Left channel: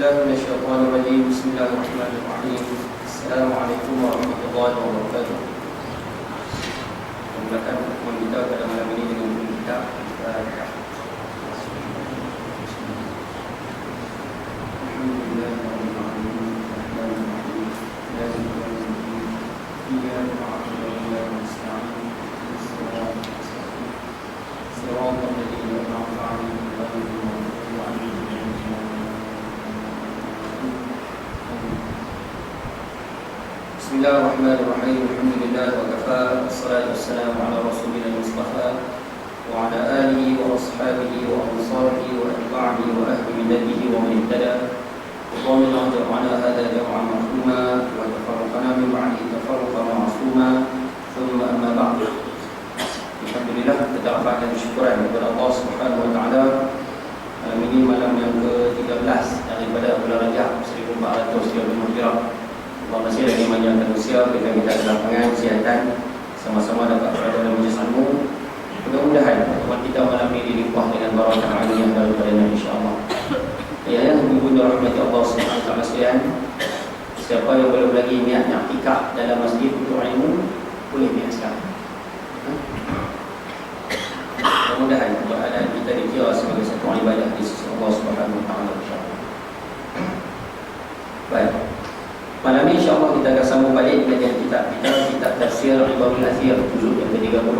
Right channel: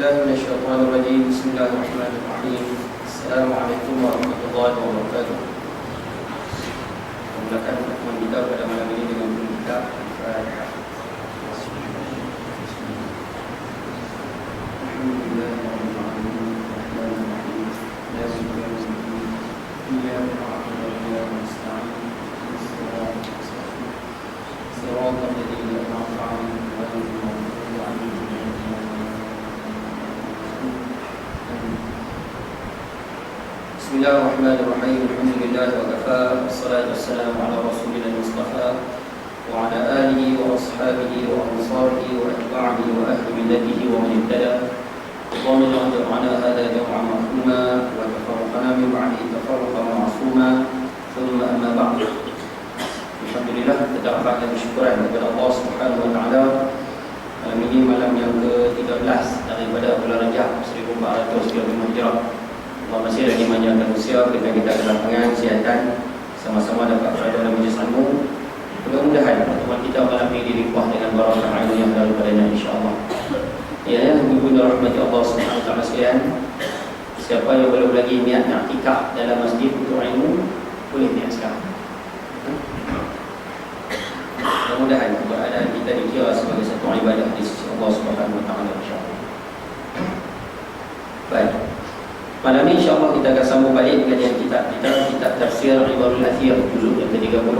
بالله من الشيطان الرجيم. بسم الله الرحمن الرحيم. السلام عليكم warahmatullahi wabarakatuh. Mulakan pertemuan kita pada malam ini dengan kita Bismillahirrahmanirrahim. Alhamdulillah wa kafa. Wassalatu wassalamu ala rasulina al-mustafa wa ala alihi wa ashabihi wa ansarihi wa atba'ihi wa ahli millatihi wa man ihtada. Allahumma ij'alna hadha jam'an marhuma wa tafarraqna min ba'dihi tafarruqan ma'suma. Thumma amma ba'd. Alhamdulillah, kita dapat bersyukuran kepada Allah Subhanahu wa taala. Ini malam yang ke-13 daripada bulan Rajab 1435 Hijrah. Allah masih lagi menyatakan usia kita dalam pengan kesihatan, sama-sama dapat berada dalam majlis ilmu. Mudah-mudahan pertemuan kita malam ini dilimpah dengan barakah ilmu yang daripadanya insya-Allah. Ya, ibu dan rahmati Allah Subhanahu wa taala sekalian. Siapa yang belum lagi niat nak iktikaf dalam masjid untuk ilmu, boleh niat sekarang. Mudah-mudahan keadaan kita dikira sebagai satu ibadah di sisi Allah Subhanahu wa taala insya-Allah. Baik. Malam ini insyaAllah kita akan sambung balik kajian kitab Tafsir Ibadul Athir juzuk yang ke-30.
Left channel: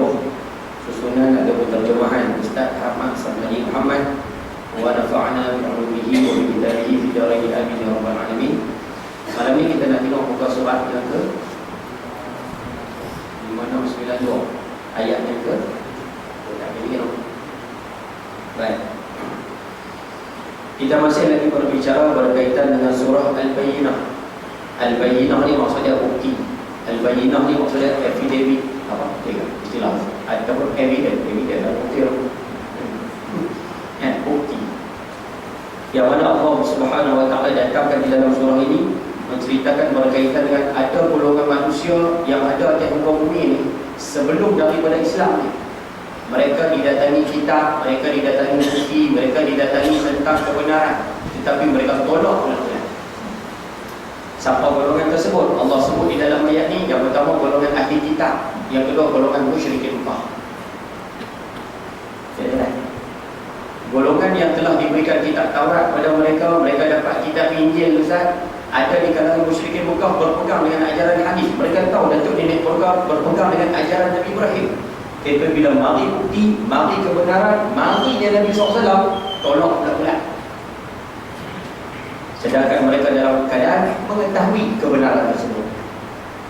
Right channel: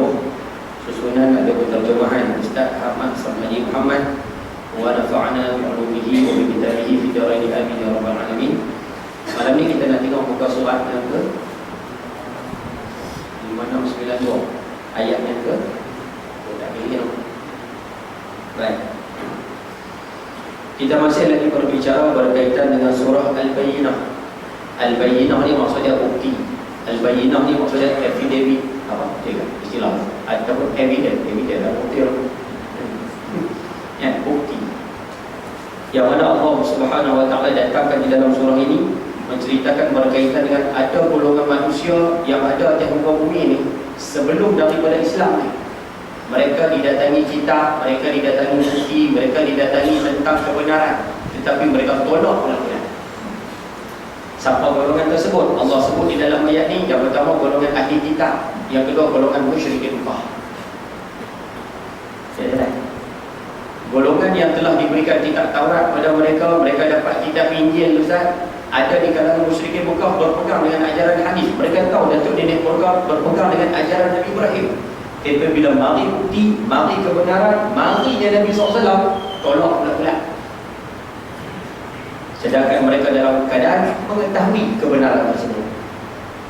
Susunan ada penterjemahan Ustaz Ahmad Samadi Muhammad wa nafa'ana bi'ulumihi wa bikitabihi fi daraini amin ya rabbal alamin. Malam ini kita nak tengok muka surat yang ke 5692 ayat yang ke baik. Kita masih lagi berbicara berkaitan dengan surah Al-Bayyinah. Al-Bayyinah ni maksudnya bukti. Al-Bayyinah ni maksudnya affidavit. Apa? Tiga istilah. Ataupun evidence. Evidence adalah bukti. Bukti. Yang mana Allah Subhanahu wa taala datangkan di dalam surah ini menceritakan berkaitan dengan ada golongan manusia yang ada di muka bumi ini sebelum daripada Islam ni. Mereka didatangi kitab, mereka didatangi bukti, mereka didatangi tentang kebenaran, tetapi mereka tolak kebenaran. Siapa golongan tersebut? Allah sebut di dalam ayat ini. Yang pertama golongan ahli kitab, yang kedua golongan musyrikin Mekah. Golongan yang telah diberikan kitab Taurat kepada mereka, mereka dapat kitab Injil Ustaz. Ada di kalangan musyrikin Mekah berpegang dengan ajaran hadis. Mereka tahu datuk nenek berpegang dengan ajaran Nabi Ibrahim. Tapi bila mari bukti, mari kebenaran, marinya Nabi SAW, tolak pula. Sedangkan mereka dalam keadaan mengetahui kebenaran tersebut.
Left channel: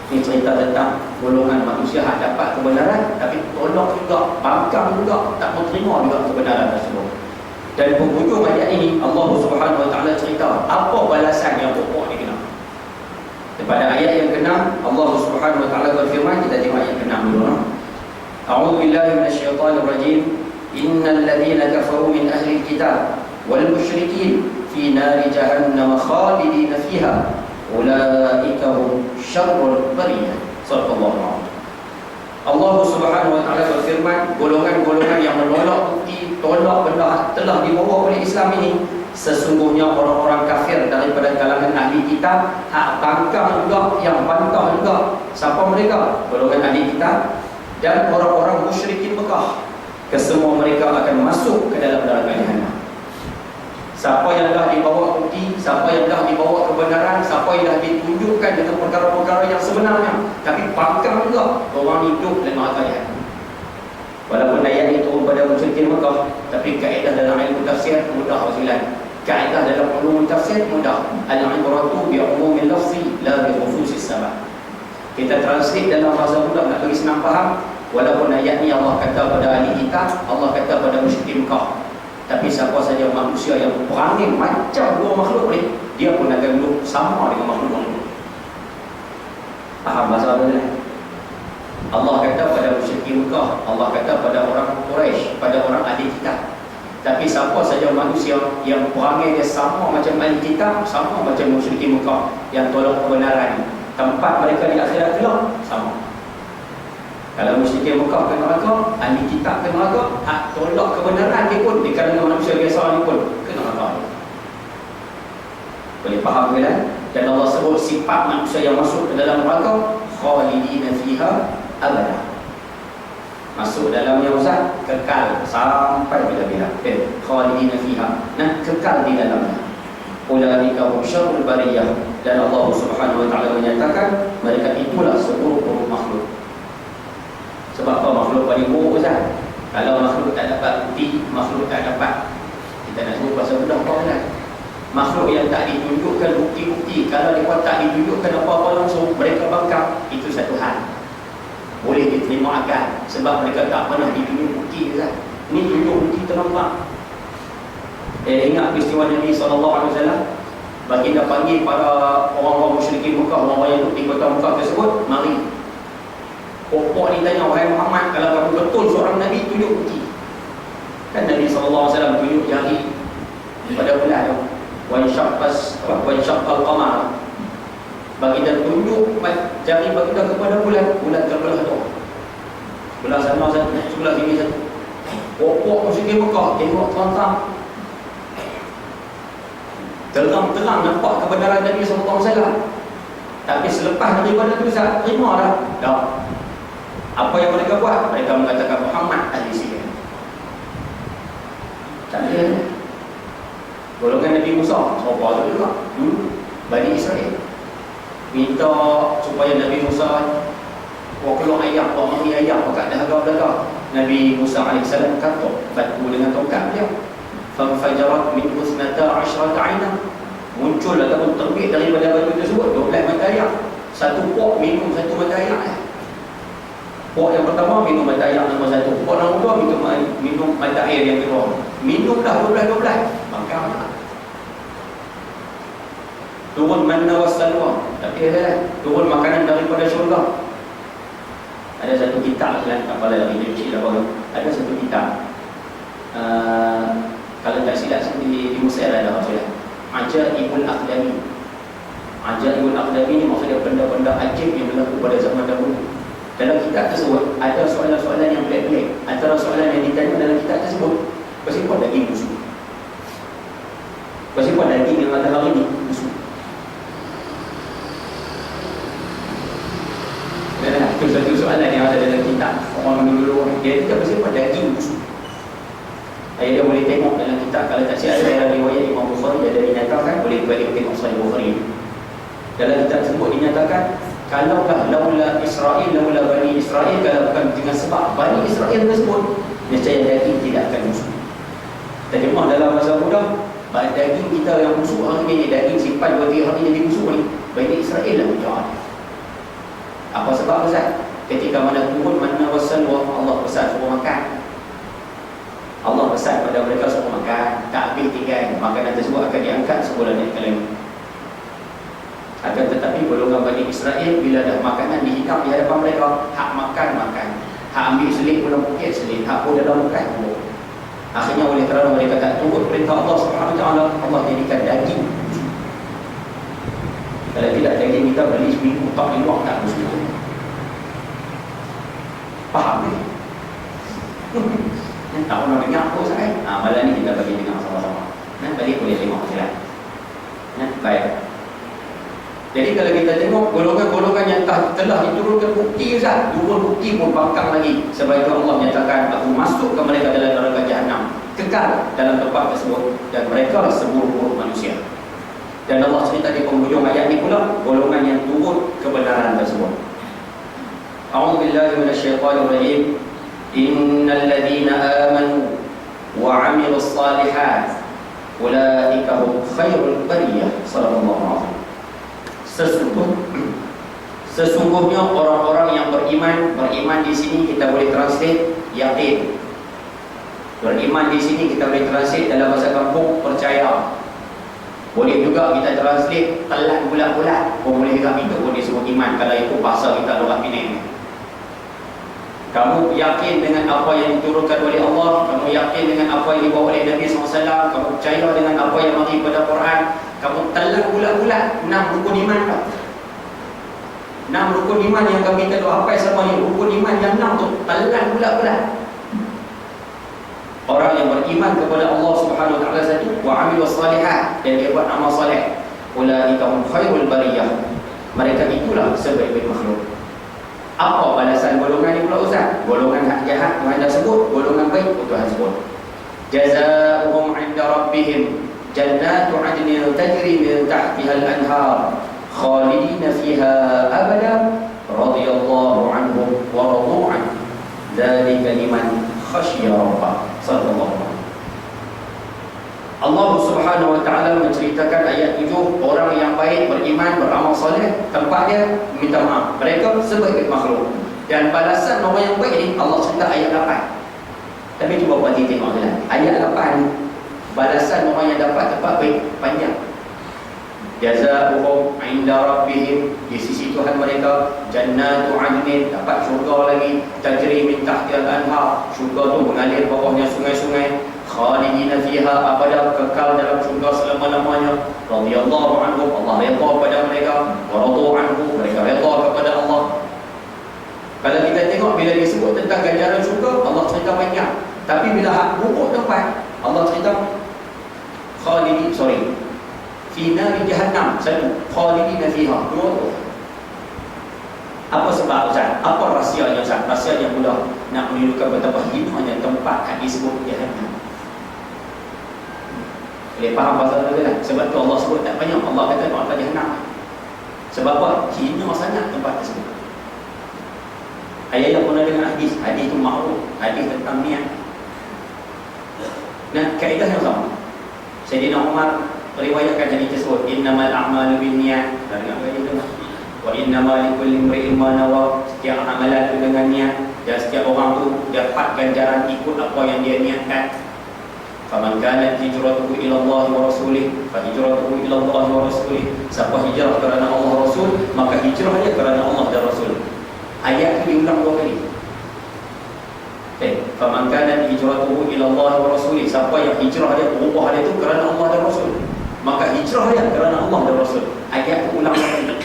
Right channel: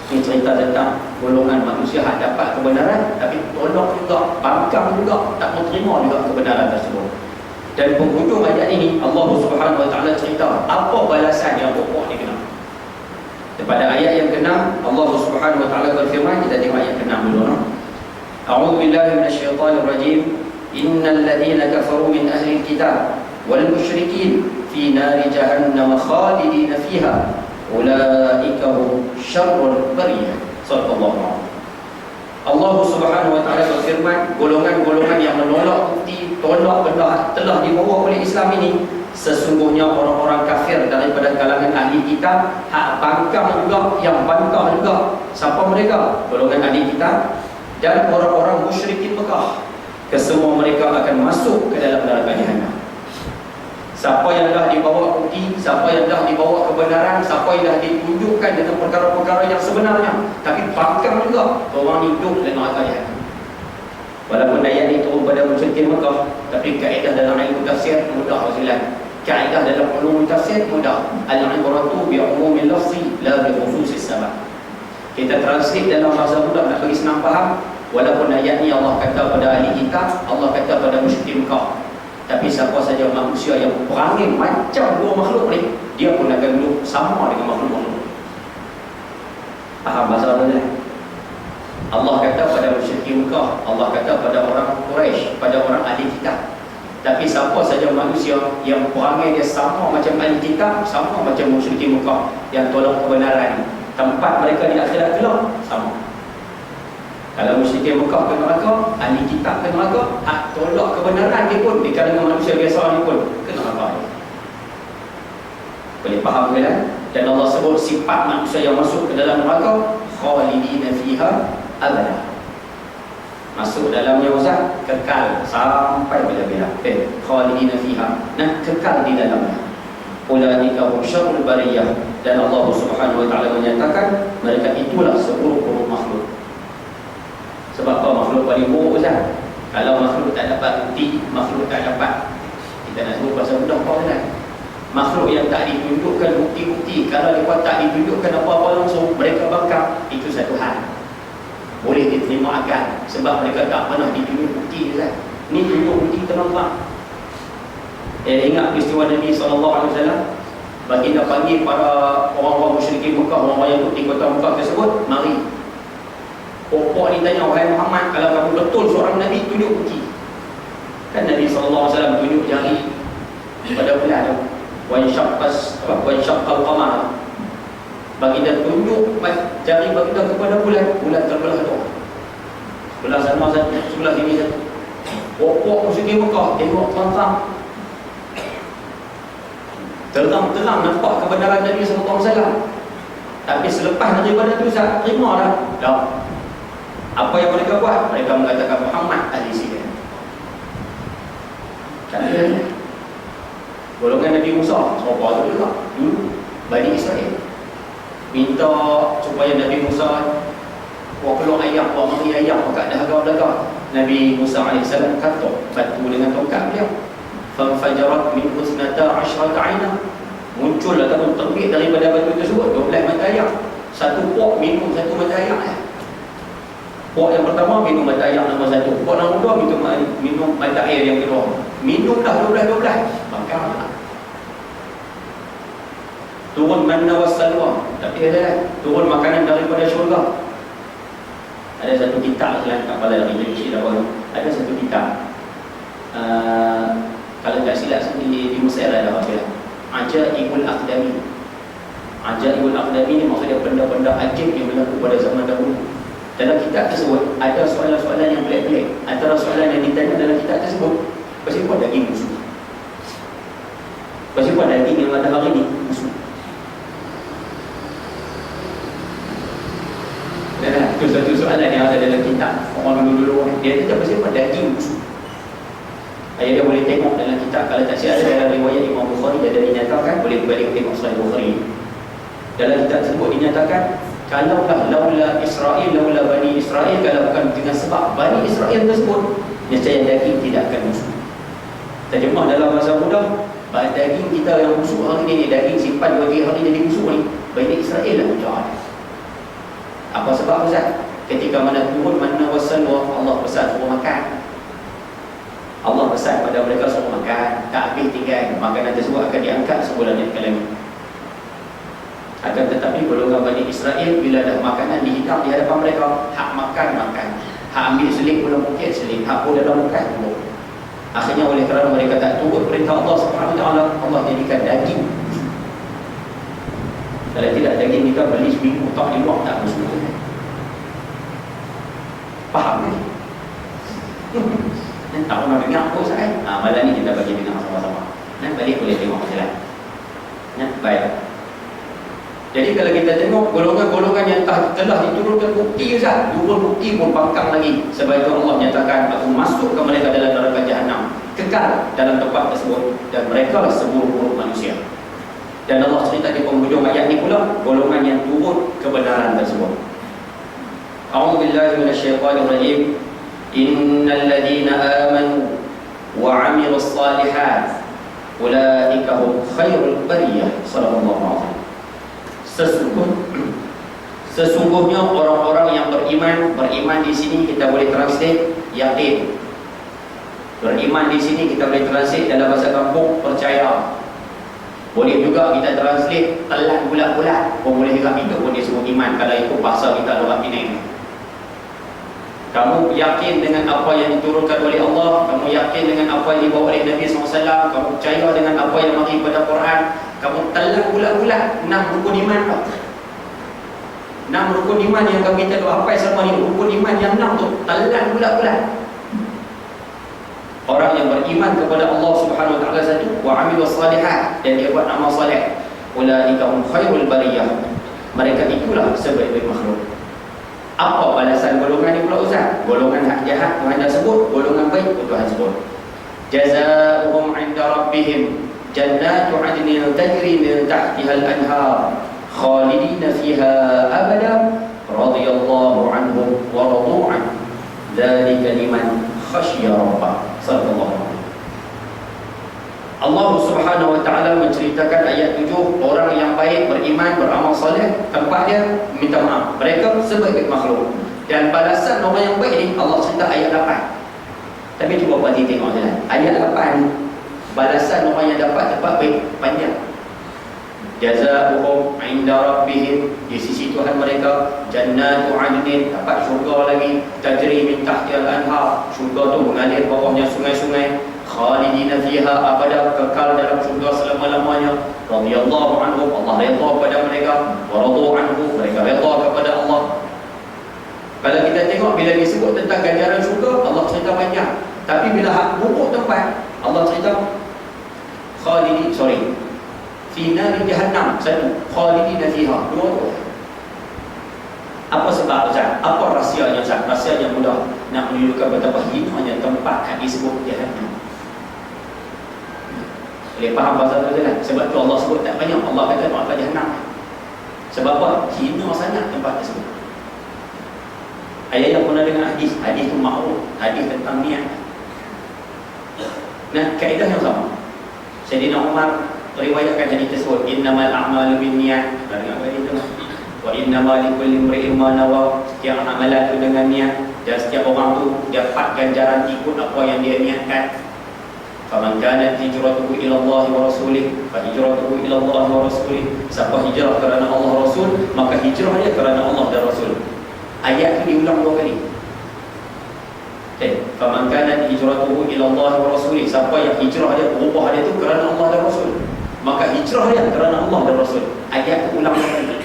Ini cerita tentang golongan manusia yang dapat kebenaran tapi tolak juga, bangkang juga, tak menerima juga kebenaran tersebut. Dan penghujung ayat ini Allah Subhanahu wa taala cerita apa balasan yang pokok dikena. Pada ayat yang ke-6 Allah Subhanahu wa taala berfirman, kita tengok ayat ke-6 dulu. A'udzu billahi minasyaitonir rajim. Innal ladzina kafaru min ahli kitab wal musyrikin fi nari jahannam khalidina fiha ulaika hum syarrul bariyah. Sallallahu alaihi. Allah Subhanahu wa taala berfirman, golongan-golongan yang menolak bukti, tolak benda telah dibawa oleh Islam ini, sesungguhnya orang-orang kafir daripada kalangan ahli kitab, hak bangkang juga, yang bantah juga. Siapa mereka? Golongan ahli kitab dan orang-orang musyrikin Mekah. Kesemua mereka akan masuk ke dalam neraka jahanam. Siapa yang dah dibawa bukti, siapa yang dah dibawa kebenaran, siapa yang dah ditunjukkan dengan perkara-perkara yang sebenarnya, tapi bangkang juga, orang hidup dan neraka jahanam. Walaupun ayat ini turun pada musyrikin Mekah, tapi kaedah dalam ilmu tafsir mudah wasilan. Kaedah dalam ilmu tafsir mudah. Al-ibratu bi umumil lafzi la bi khususis sabab. Kita translate dalam bahasa mudah nak bagi senang faham. Walaupun ayat ni Allah kata pada ahli kitab, Allah kata pada musyrikin Mekah, tapi siapa saja manusia yang perangai macam dua makhluk ni, dia pun akan duduk sama dengan makhluk-makhluk. Faham bahasa ni? Allah kata pada musyrikin Mekah, Allah kata pada orang Quraisy, pada orang ahli kitab. Tapi siapa saja manusia yang perangai dia sama macam ahli kitab, sama macam musyrikin Mekah yang tolak kebenaran, tempat mereka di akhirat kelak sama. Kalau musyrikin Mekah ke neraka, ahli kitab ke neraka, hak tolak kebenaran dia pun di kalangan manusia biasa ni pun ke neraka. Boleh faham ke kan? Dan Allah sebut sifat manusia yang masuk ke dalam neraka, khalidina fiha abada. Masuk dalamnya Ustaz, kekal sampai bila-bila. Khalidina fiha, nah kekal di dalamnya. Ulaika hum syarrul bariyah. Dan Allah Subhanahu wa taala menyatakan mereka itulah seburuk-buruk makhluk. Sebab apa makhluk paling buruk Ustaz? Kalau makhluk tak dapat bukti, makhluk tak dapat, kita nak sebut pasal mudah apa kan? Makhluk yang tak ditunjukkan bukti-bukti, kalau mereka tak ditunjukkan apa-apa langsung, mereka bangkang, itu satu hal. Boleh diterima akal, sebab mereka tak pernah ditunjuk bukti kan? Ni tunjuk bukti terlambat. Ingat peristiwa Nabi SAW, baginda panggil para orang-orang musyrikin Mekah, orang-orang yang di kota Mekah tersebut, mari. Pokok ni tanya, wahai Muhammad, kalau kamu betul seorang Nabi, tunjuk bukti. Kan Nabi SAW tunjuk jari pada bulan tu, wansyaqqal qamar. Baginda tunjuk jari baginda kepada bulan, bulan terbelah tu. Belah sana satu, sebelah sini satu. Pokok musyrikin Mekah tengok terang-terang nampak kebenaran Nabi SAW. Tapi selepas daripada tu saya terima dah. Apa yang mereka buat? Mereka mengatakan Muhammad ahli sihir. Tak ada. Golongan Nabi Musa, siapa tu juga? Bani Israel minta supaya Nabi Musa keluar ayam, mari ayam kat dahaga-dahaga. Nabi Musa AS kata batu dengan tongkat dia, fanfajarat min husnata asyrata aina, muncul ataupun terbit daripada batu tersebut 12 mata air. Satu pok minum satu mata air. Pok yang pertama minum mata air nombor 1, pok nombor 2 minum mata air yang kedua. Minumlah 12 bangkang. Turun manna wassalwa, tapi ada turun makanan daripada syurga. Ada satu kitab dalam kepala lagi kecil apa, ada satu kitab. Kalau tak silap di Mesir ada apa dia? Ajaibul Aqdami. Ajaibul Aqdami ni maksudnya benda-benda ajaib yang berlaku pada zaman dahulu. Dalam kitab tersebut ada soalan-soalan yang pelik-pelik. Antara soalan yang ditanya dalam kitab tersebut, kenapa daging busuk? Kenapa daging yang ada hari ni busuk? Itu satu soalan yang ada dalam kitab. Orang dulu-dulu dia kata kenapa daging busuk? Dia boleh tengok dalam kitab. Kalau tak silap ada riwayat Imam Bukhari, dia ada dinyatakan, boleh balik tengok Sahih Bukhari. Dalam kitab tersebut dinyatakan, kalaulah laula Israel, laula Bani Israel, kalau bukan dengan sebab Bani Israel tersebut, nescaya daging tidak akan busuk. Terjemah dalam bahasa mudah, daging kita yang busuk hari ni, daging simpan 2-3 hari jadi busuk ni, Bani Israel lah punya. Apa sebab Ustaz? Ketika mana turun manna wassalwa, Allah pesan suruh makan. Allah pesan pada mereka suruh makan, tak habis tinggal, makanan tersebut akan diangkat sebulan yang lagi. Akan tetapi golongan Bani Israel, bila dah makanan dihitam di hadapan mereka, hak makan, hak ambil selit belum mungkin selit, hak pun dalam bukan belum. Akhirnya oleh kerana mereka tak turut perintah Allah Subhanahu Wa Taala, Allah jadikan daging. Kalau tidak, daging kita beli seminggu tak di luar tak busuk. Faham ni? Tak pernah dengar apa Ustaz. Malam ni kita bagi dengar sama-sama. Balik boleh tengok jalan. Baik. Jadi kalau kita tengok golongan-golongan yang telah diturunkan bukti Ustaz, turun bukti pun bangkang lagi. Sebab itu Allah nyatakan, aku masuk ke mereka dalam neraka Jahannam, kekal dalam tempat tersebut, dan mereka lah seburuk-buruk manusia. Dan Allah cerita di penghujung ayat ni pula golongan yang turut kebenaran tersebut. A'udzubillahi minasyaitanir rajim. Innal ladzina amanu wa 'amilus shalihat ulaika hum khairul bariyah. Sallallahu alaihi wasallam. Sesungguhnya orang-orang yang beriman di sini kita boleh translate yakin. Beriman di sini kita boleh translate dalam bahasa kampung percaya. Boleh juga kita translate telan bulat-bulat. Boleh juga itu pun disebut iman kalau ikut bahasa kita luar Penang. Kamu yakin dengan apa yang diturunkan oleh Allah, kamu yakin dengan apa yang dibawa oleh Nabi SAW, kamu percaya dengan apa yang mari pada Quran, kamu telan bulat-bulat 6 rukun iman. 6 rukun iman yang kami tahu apa selama ni, rukun iman yang 6 tu telan bulat-bulat. Orang yang beriman kepada Allah Subhanahu Wa Taala satu, wa amilus salihat, dan dia buat amal soleh. Ulaika hum khairul bariyah. Mereka itulah sebaik-baik makhluk. Apa balasan golongan ni pula Ustaz? Golongan hak jahat Tuhan dah sebut, golongan baik pun Tuhan sebut. Jazaohum 'inda rabbihim jannatu 'adnin tajri min tahtiha al-anhar khalidina fiha abada radhiyallahu anhum wa radu 'an dzalika liman khasyiya rabbah. Sallallahu alaihi. Allah Subhanahu wa taala menceritakan ayat 7, orang yang baik, beriman, beramal soleh, tempat dia minta maaf. Mereka sebaik makhluk. Dan balasan orang yang baik ni Allah cerita ayat 8. Tapi cuba perhati tengok jalan. Ayat 8 balasan orang yang dapat tempat baik panjang. Jazaohum 'inda rabbihim, di sisi Tuhan mereka, jannatu 'adnin, dapat syurga lagi, tajri min tahtiha al-anhar, syurga tu mengalir bawahnya sungai-sungai, khalidina fiha abada, kekal dalam syurga selama-lamanya, radhiyallahu anhum, Allah redha kepada mereka, wa radu anhu, mereka redha kepada Allah. Kalau kita tengok bila disebut tentang ganjaran syurga, Allah cerita banyak. Tapi bila hak buruk tempat, Allah cerita fi nari jahannam, satu, khalidina fiha, dua tu. Apa sebab Ustaz? Apa rahsianya Ustaz? Rahsia yang mudah nak menunjukkan betapa hinanya tempat yang disebut jahannam. Boleh faham pasal tu kan? Sebab tu Allah sebut tak banyak. Allah kata neraka jahannam. Sebab apa? Hina sangat tempat tersebut. Ayat yang pernah dengar hadis. Hadis tu ma'ruf. Hadis tentang niat. Nah, kaedah yang sama. Sayyidina Umar meriwayatkan hadis tersebut, innamal a'malu binniyat. Dari apa itu? Wa innamal likulli imri'in ma nawa. Setiap amalan itu dengan niat, dan setiap orang tu dapat ganjaran ikut apa yang dia niatkan. Faman kanat hijratuhu ila Allah wa rasulih, fa hijratuhu ila Allah wa rasulih. Siapa hijrah kerana Allah Rasul, maka hijrah dia kerana Allah dan Rasul. Ayat ini diulang 2 kali. Faman kanat hijratuhu ila Allah wa rasulih, siapa yang hijrah dia, berubah dia tu kerana Allah dan Rasul, maka hijrah dia kerana Allah dan Rasul. Ayat itu ulang 2 kali.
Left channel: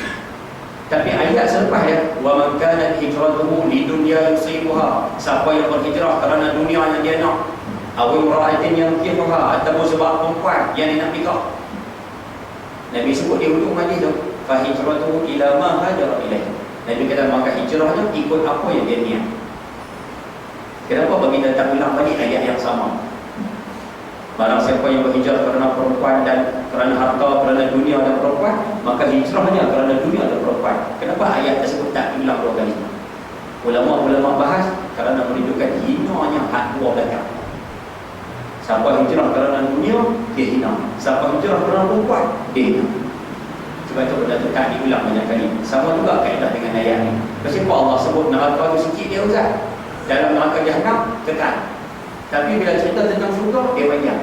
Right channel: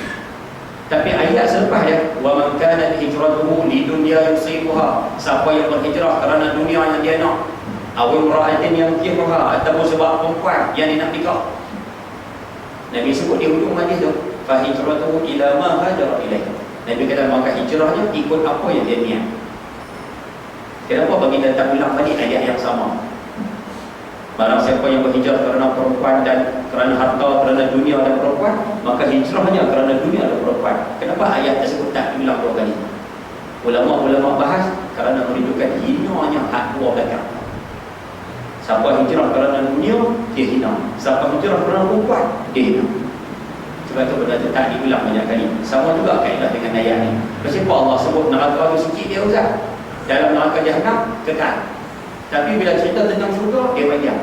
Tapi ayat selepas dia, wa man kanat hijratuhu li dunya yusibuha, siapa yang berhijrah kerana dunia yang dia nak, awil ra'atin yang kihuha, ataupun sebab perempuan yang dia nak nikah. Nabi sebut di hujung hadis tu, fa hijratuhu ila ma hajara ilaih. Nabi kata maka hijrahnya ikut apa yang dia niat. Kenapa bagi datang ulang balik ayat yang sama? Barang siapa yang berhijrah kerana perempuan dan kerana harta, kerana dunia dan perempuan, maka hijrahnya kerana dunia dan perempuan. Kenapa ayat tersebut tak diulang 2 kali? Ulama-ulama bahas kerana menunjukkan hinanya hak dua belakang. Siapa hijrah kerana dunia, dia hina. Siapa hijrah kerana perempuan, dia hina. Sebab itu benda tu tak diulang banyak kali. Sama juga kaedah dengan ayat ni. Kenapa Allah sebut neraka tu sikit dia Ustaz? Dalam neraka jahannam kekal. Tapi bila cerita tentang syurga, dia panjang.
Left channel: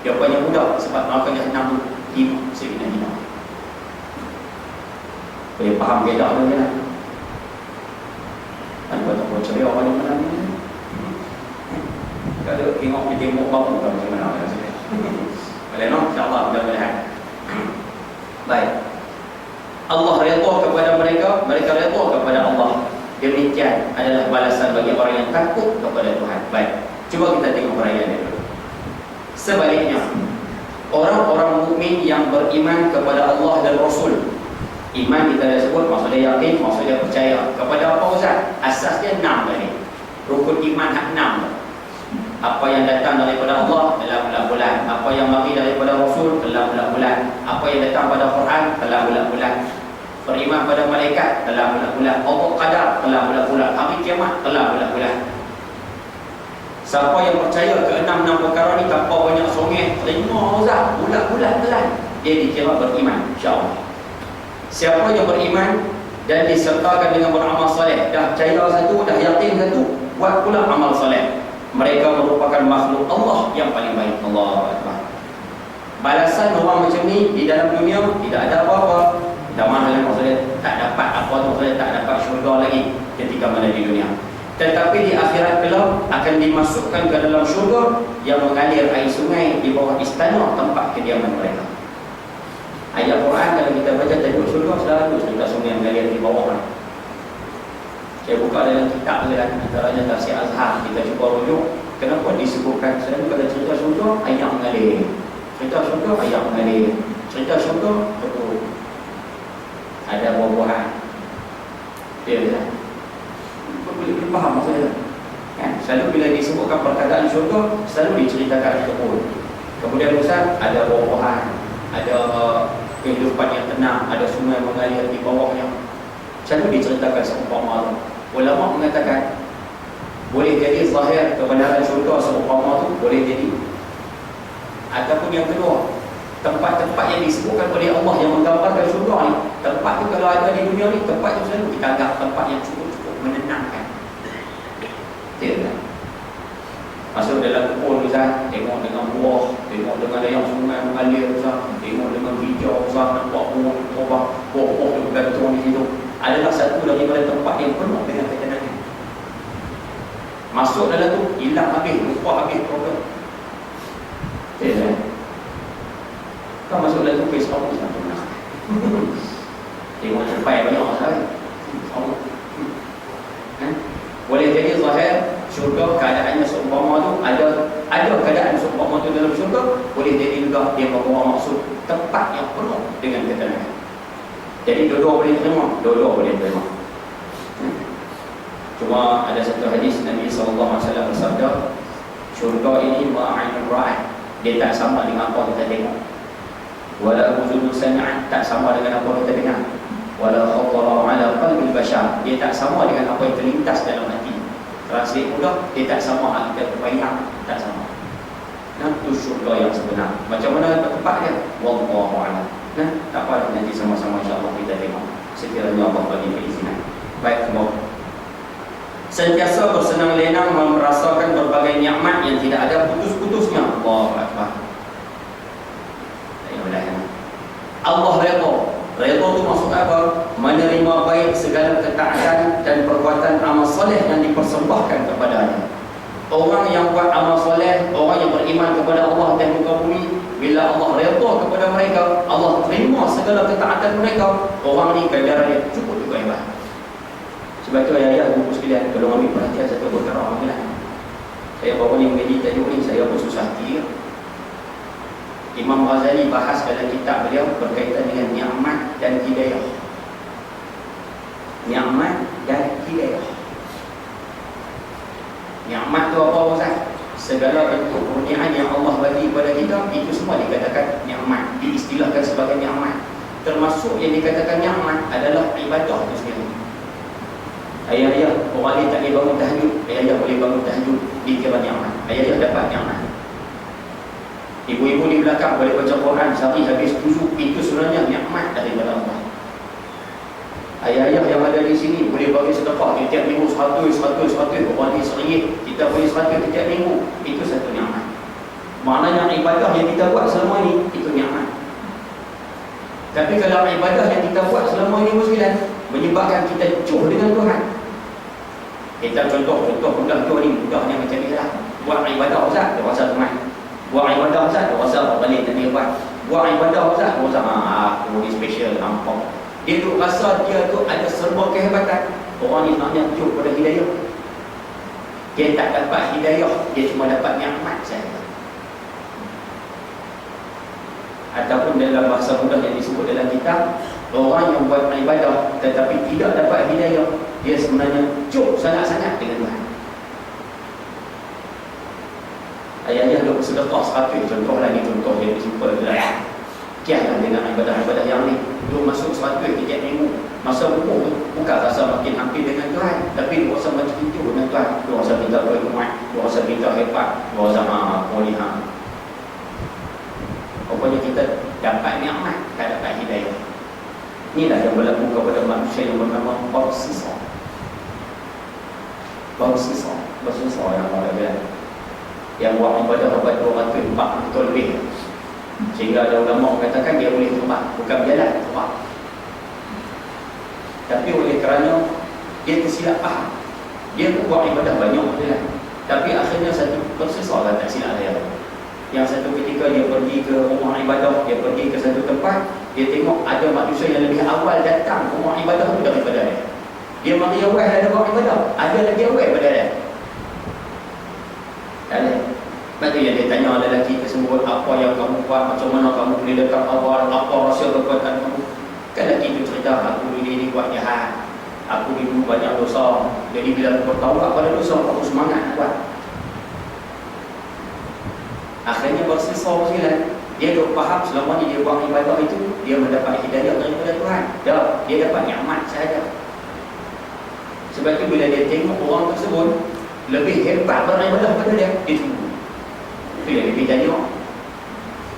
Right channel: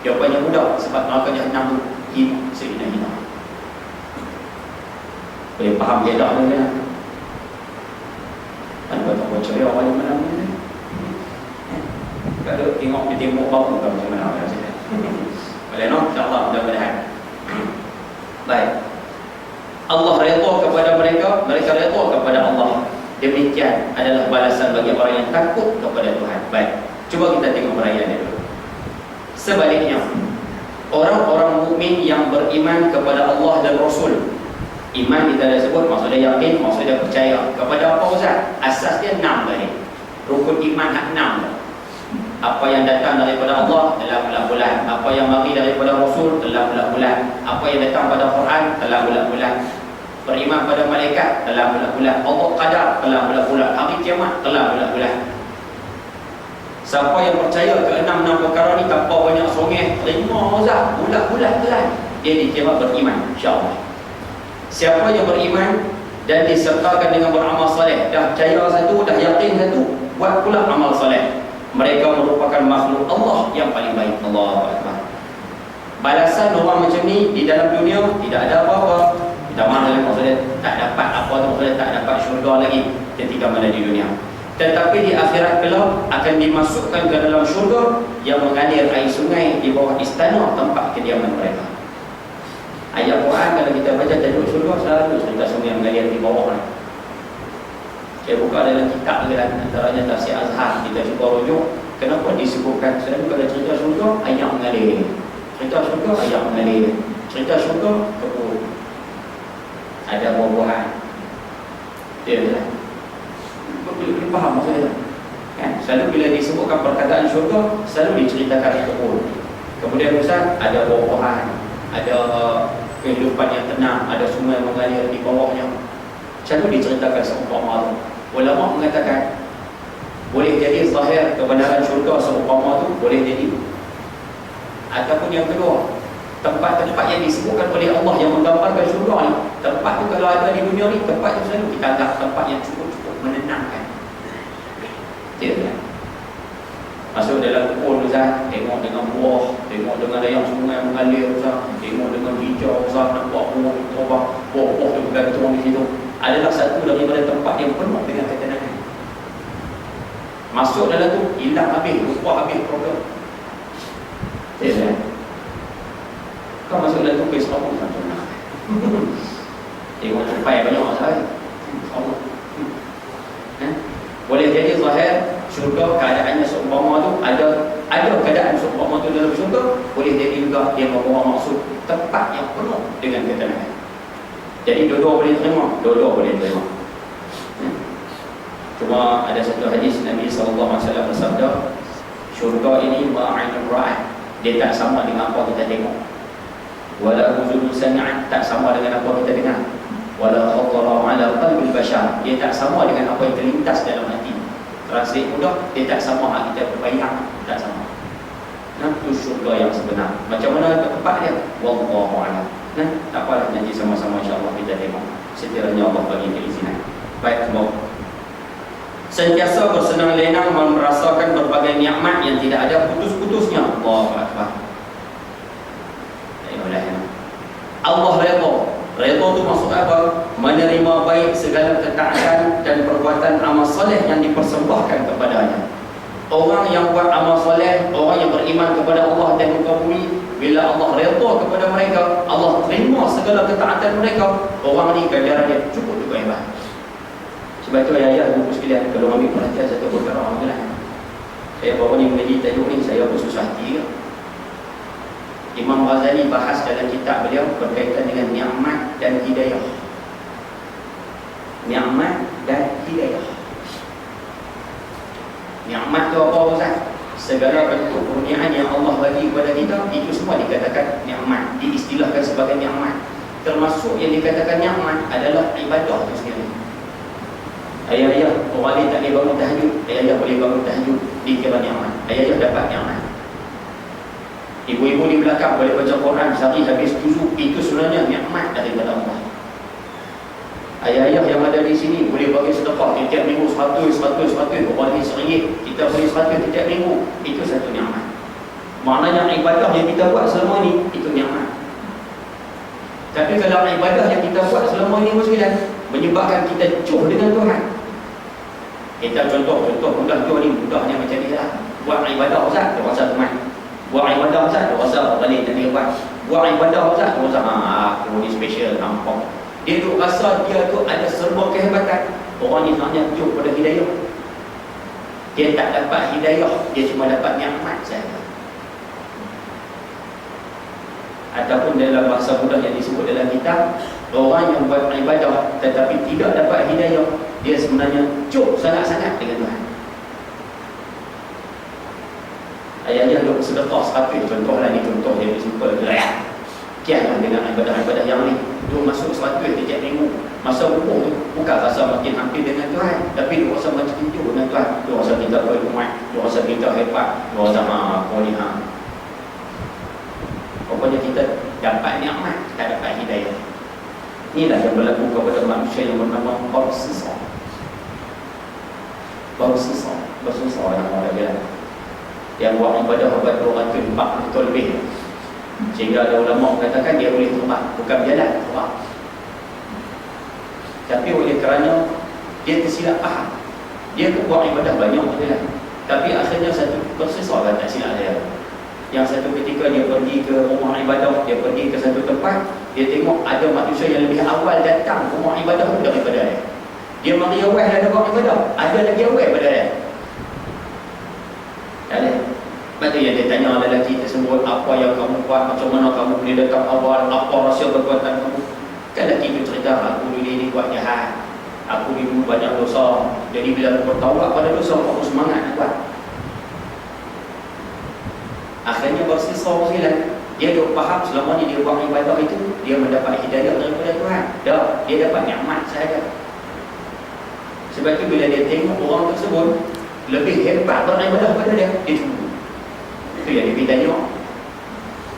Jawapannya mudah, sebab neraka jahannam tu hina, hina. Boleh faham dia tak ada kan? Kan buat apa ceria orang yang menang ni? Kalau tengok dia tembok bau bukan macam mana. Boleh no? InsyaAllah mudah-mudahan. Baik. Allah redha kepada mereka, mereka redha kepada Allah. Demikian adalah balasan bagi orang yang takut kepada Tuhan. Baik. Cuba kita tengok perayaan dia dulu. Sebaliknya, orang-orang mukmin yang beriman kepada Allah dan Rasul. Iman kita dah sebut, maksudnya yakin, maksudnya percaya. Kepada apa Ustaz? Asas dia 6 tadi. Rukun iman hak 6. Apa yang datang daripada Allah telah bulat-bulat. Apa yang mari daripada Rasul telah bulat-bulat. Apa yang datang pada Quran telah bulat-bulat. Beriman pada malaikat telah bulat-bulat. Allah qadar telah bulat-bulat. Hari kiamat telah bulat-bulat. Siapa yang percaya ke 6 perkara ni tanpa banyak songeh, terima Ustaz, bulat-bulat telah, dia dikira beriman, insya-Allah. Siapa yang beriman dan disertakan dengan beramal soleh, dah percaya satu, dah yakin satu, buat pula amal soleh, mereka merupakan makhluk Allah yang paling baik. Allahu Akbar. Balasan orang macam ni di dalam dunia tidak ada apa-apa. Tidak mana maksudnya tak dapat apa tu, maksudnya tak dapat syurga lagi ketika mana di dunia. Tetapi di akhirat kelak akan dimasukkan ke dalam syurga yang mengalir air sungai di bawah istana tempat kediaman mereka. Ayat Quran kalau kita baca tajuk syurga selalu cerita sungai yang mengalir di bawah. Saya buka dalam kitab kan, antaranya Tafsir Azhar, kita cuba rujuk kenapa disebutkan selalu kalau cerita syurga ayat mengalir. Cerita syurga ayat mengalir. Cerita syurga, kebun, ada buah-buahan. Ya, boleh faham maksudnya kan? Selalu bila disebutkan perkataan syurga, selalu diceritakan kebun. Kemudian Ustaz, ada buah-buahan, ada kehidupan yang tenang, ada sungai mengalir di bawahnya. Selalu diceritakan seumpama itu. Ulama mengatakan boleh jadi zahir kebenaran syurga seumpama itu, boleh jadi. Ataupun yang kedua, tempat-tempat yang disebutkan oleh Allah yang menggambarkan syurga ni, tempat tu kalau ada di dunia ni, tempat tu selalu kita anggap tempat yang cukup-cukup menenangkan. Tidak kan? Masuk dalam kebun Ustaz, tengok dengan buah, tengok dengan yang sungai mengalir Ustaz, tengok dengan hijau Ustaz, nampak buah-buah tu bergantung di situ. Adalah satu daripada tempat yang penuh dengan ketenangan. Masuk dalam tu, hilang habis, lupa habis problem. Tidak kan? Kau masuk dalam tu, face rambut macam mana? Tengok sampai banyak sekali. Boleh jadi zahir syurga keadaannya seumpama tu, ada keadaan seumpama tu dalam syurga. Boleh jadi juga dia membawa maksud tempat yang penuh dengan ketenangan. Jadi dua-dua boleh terima, dua-dua boleh terima. Cuma ada satu hadis Nabi SAW bersabda, syurga ini ma'ainul ra'at, dia tak sama dengan apa kita tengok. Wala uzunu sami'at, tak sama dengan apa kita dengar. Wala khatara ala qalbil bashar, dia tak sama dengan apa yang terlintas dalam hati. Translate pula, dia tak sama hal kita berbayang, tak sama. Nah, itu syurga yang sebenar. Macam mana tempat dia? Wallahu a'lam. Nah, tak apa, nanti sama-sama insya-Allah kita tengok. Sekiranya Allah bagi keizinan. Baik, semua. Sentiasa bersenang lenang merasakan berbagai nikmat yang tidak ada putus-putusnya. Allahu akbar. Allah redha. Redha itu maksud apa? Menerima baik segala ketaatan dan perbuatan amal soleh yang dipersembahkan kepadanya. Orang yang buat amal soleh, orang yang beriman kepada Allah dan muka bumi, bila Allah redha kepada mereka, Allah terima segala ketaatan mereka, orang ni kadar dia cukup juga hebat. Sebab itu ayah buku sekalian, kalau ambil perhatian satu perkara amalan. Saya bawa ni mengaji tajuk ni, saya pun susah hati. Imam Ghazali bahas dalam kitab beliau berkaitan dengan nikmat dan hidayah. Nikmat dan hidayah. Nikmat tu apa Ustaz? Segala bentuk kurniaan yang Allah bagi kepada kita, itu semua dikatakan nikmat, diistilahkan sebagai nikmat. Termasuk yang dikatakan nikmat adalah ibadah itu sendiri. Ayah-ayah, orang ni tak boleh bangun tahajud, ayah-ayah boleh bangun tahajud, dikira nikmat. Ayah-ayah dapat nikmat. Ibu-ibu di belakang boleh baca Quran sehari habis 7, itu sebenarnya nikmat daripada Allah. Ayah-ayah yang ada di sini boleh bagi sedekah setiap minggu 100, orang ni RM1, kita bagi 100 setiap minggu, itu satu nikmat. Maknanya ibadah yang kita buat selama ni, itu nikmat. Tapi kalau ibadah yang kita buat selama ini menyebabkan kita jauh dengan Tuhan, kita contoh mudah jauh ni, mudahnya macam ni lah. Buat ibadah Ustaz, dia rasa teman. Buat ibadah Ustaz, dia rasa orang lain tak hebat. Buat ibadah Ustaz, dia rasa aku ni special, nampak. Dia tu rasa dia tu ada serba kehebatan. Orang ni maknanya jauh pada hidayah. Dia tak dapat hidayah, dia cuma dapat nikmat saja. Ataupun dalam bahasa mudah yang disebut dalam kitab, orang yang buat ibadah tetapi tidak dapat hidayah, dia sebenarnya jauh sangat-sangat dengan Tuhan. Ayah-ayah duk sedekah 100, contohlah ni, contoh jadi simple je lah. Kianlah dengan ibadah-ibadah yang ni, duk masuk 100 setiap minggu. Masa umur tu bukan rasa makin hampir dengan Tuhan, tapi dia rasa makin jauh dengan Tuhan. Dia rasa kita berhikmat, dia rasa kita hebat, dia rasa kau ni rupanya kita dapat nikmat, tak dapat hidayah. Inilah yang berlaku kepada manusia yang bernama Barsisa. Barsisa yang orang bilang, yang buat ibadah abad 240 tahun lebih, sehingga ada ulama mengatakan dia boleh terbang, bukan berjalan, terbang. Tapi oleh kerana dia tersilap faham, dia buat ibadah banyak berjalan, tapi akhirnya satu Barsisa tak silap dia. Yang satu ketika dia pergi ke rumah ibadah, dia pergi ke satu tempat, dia tengok ada manusia yang lebih awal datang ke rumah ibadah itu daripada dia. Dia mari awal ada rumah ibadah, ada lagi awal daripada dia. Tak ada. Lepas tu yang dia tanya lelaki tersebut, apa yang kamu buat, macam mana kamu boleh dekat awal, apa rahsia kekuatan kamu. Kan lelaki tu cerita, aku dulu ni buat jahat, aku dulu banyak dosa. Jadi bila aku bertaubat pada dosa, aku semangat nak buat. Akhirnya bersesau sekali. Dia duk faham selama ni dia buat ibadah itu, dia mendapat hidayah daripada Tuhan. Dah, dia dapat nikmat sahaja. Sebab tu bila dia tengok orang tersebut lebih hebat beribadah pada dia, dia cemburu. Itu yang dia tanya.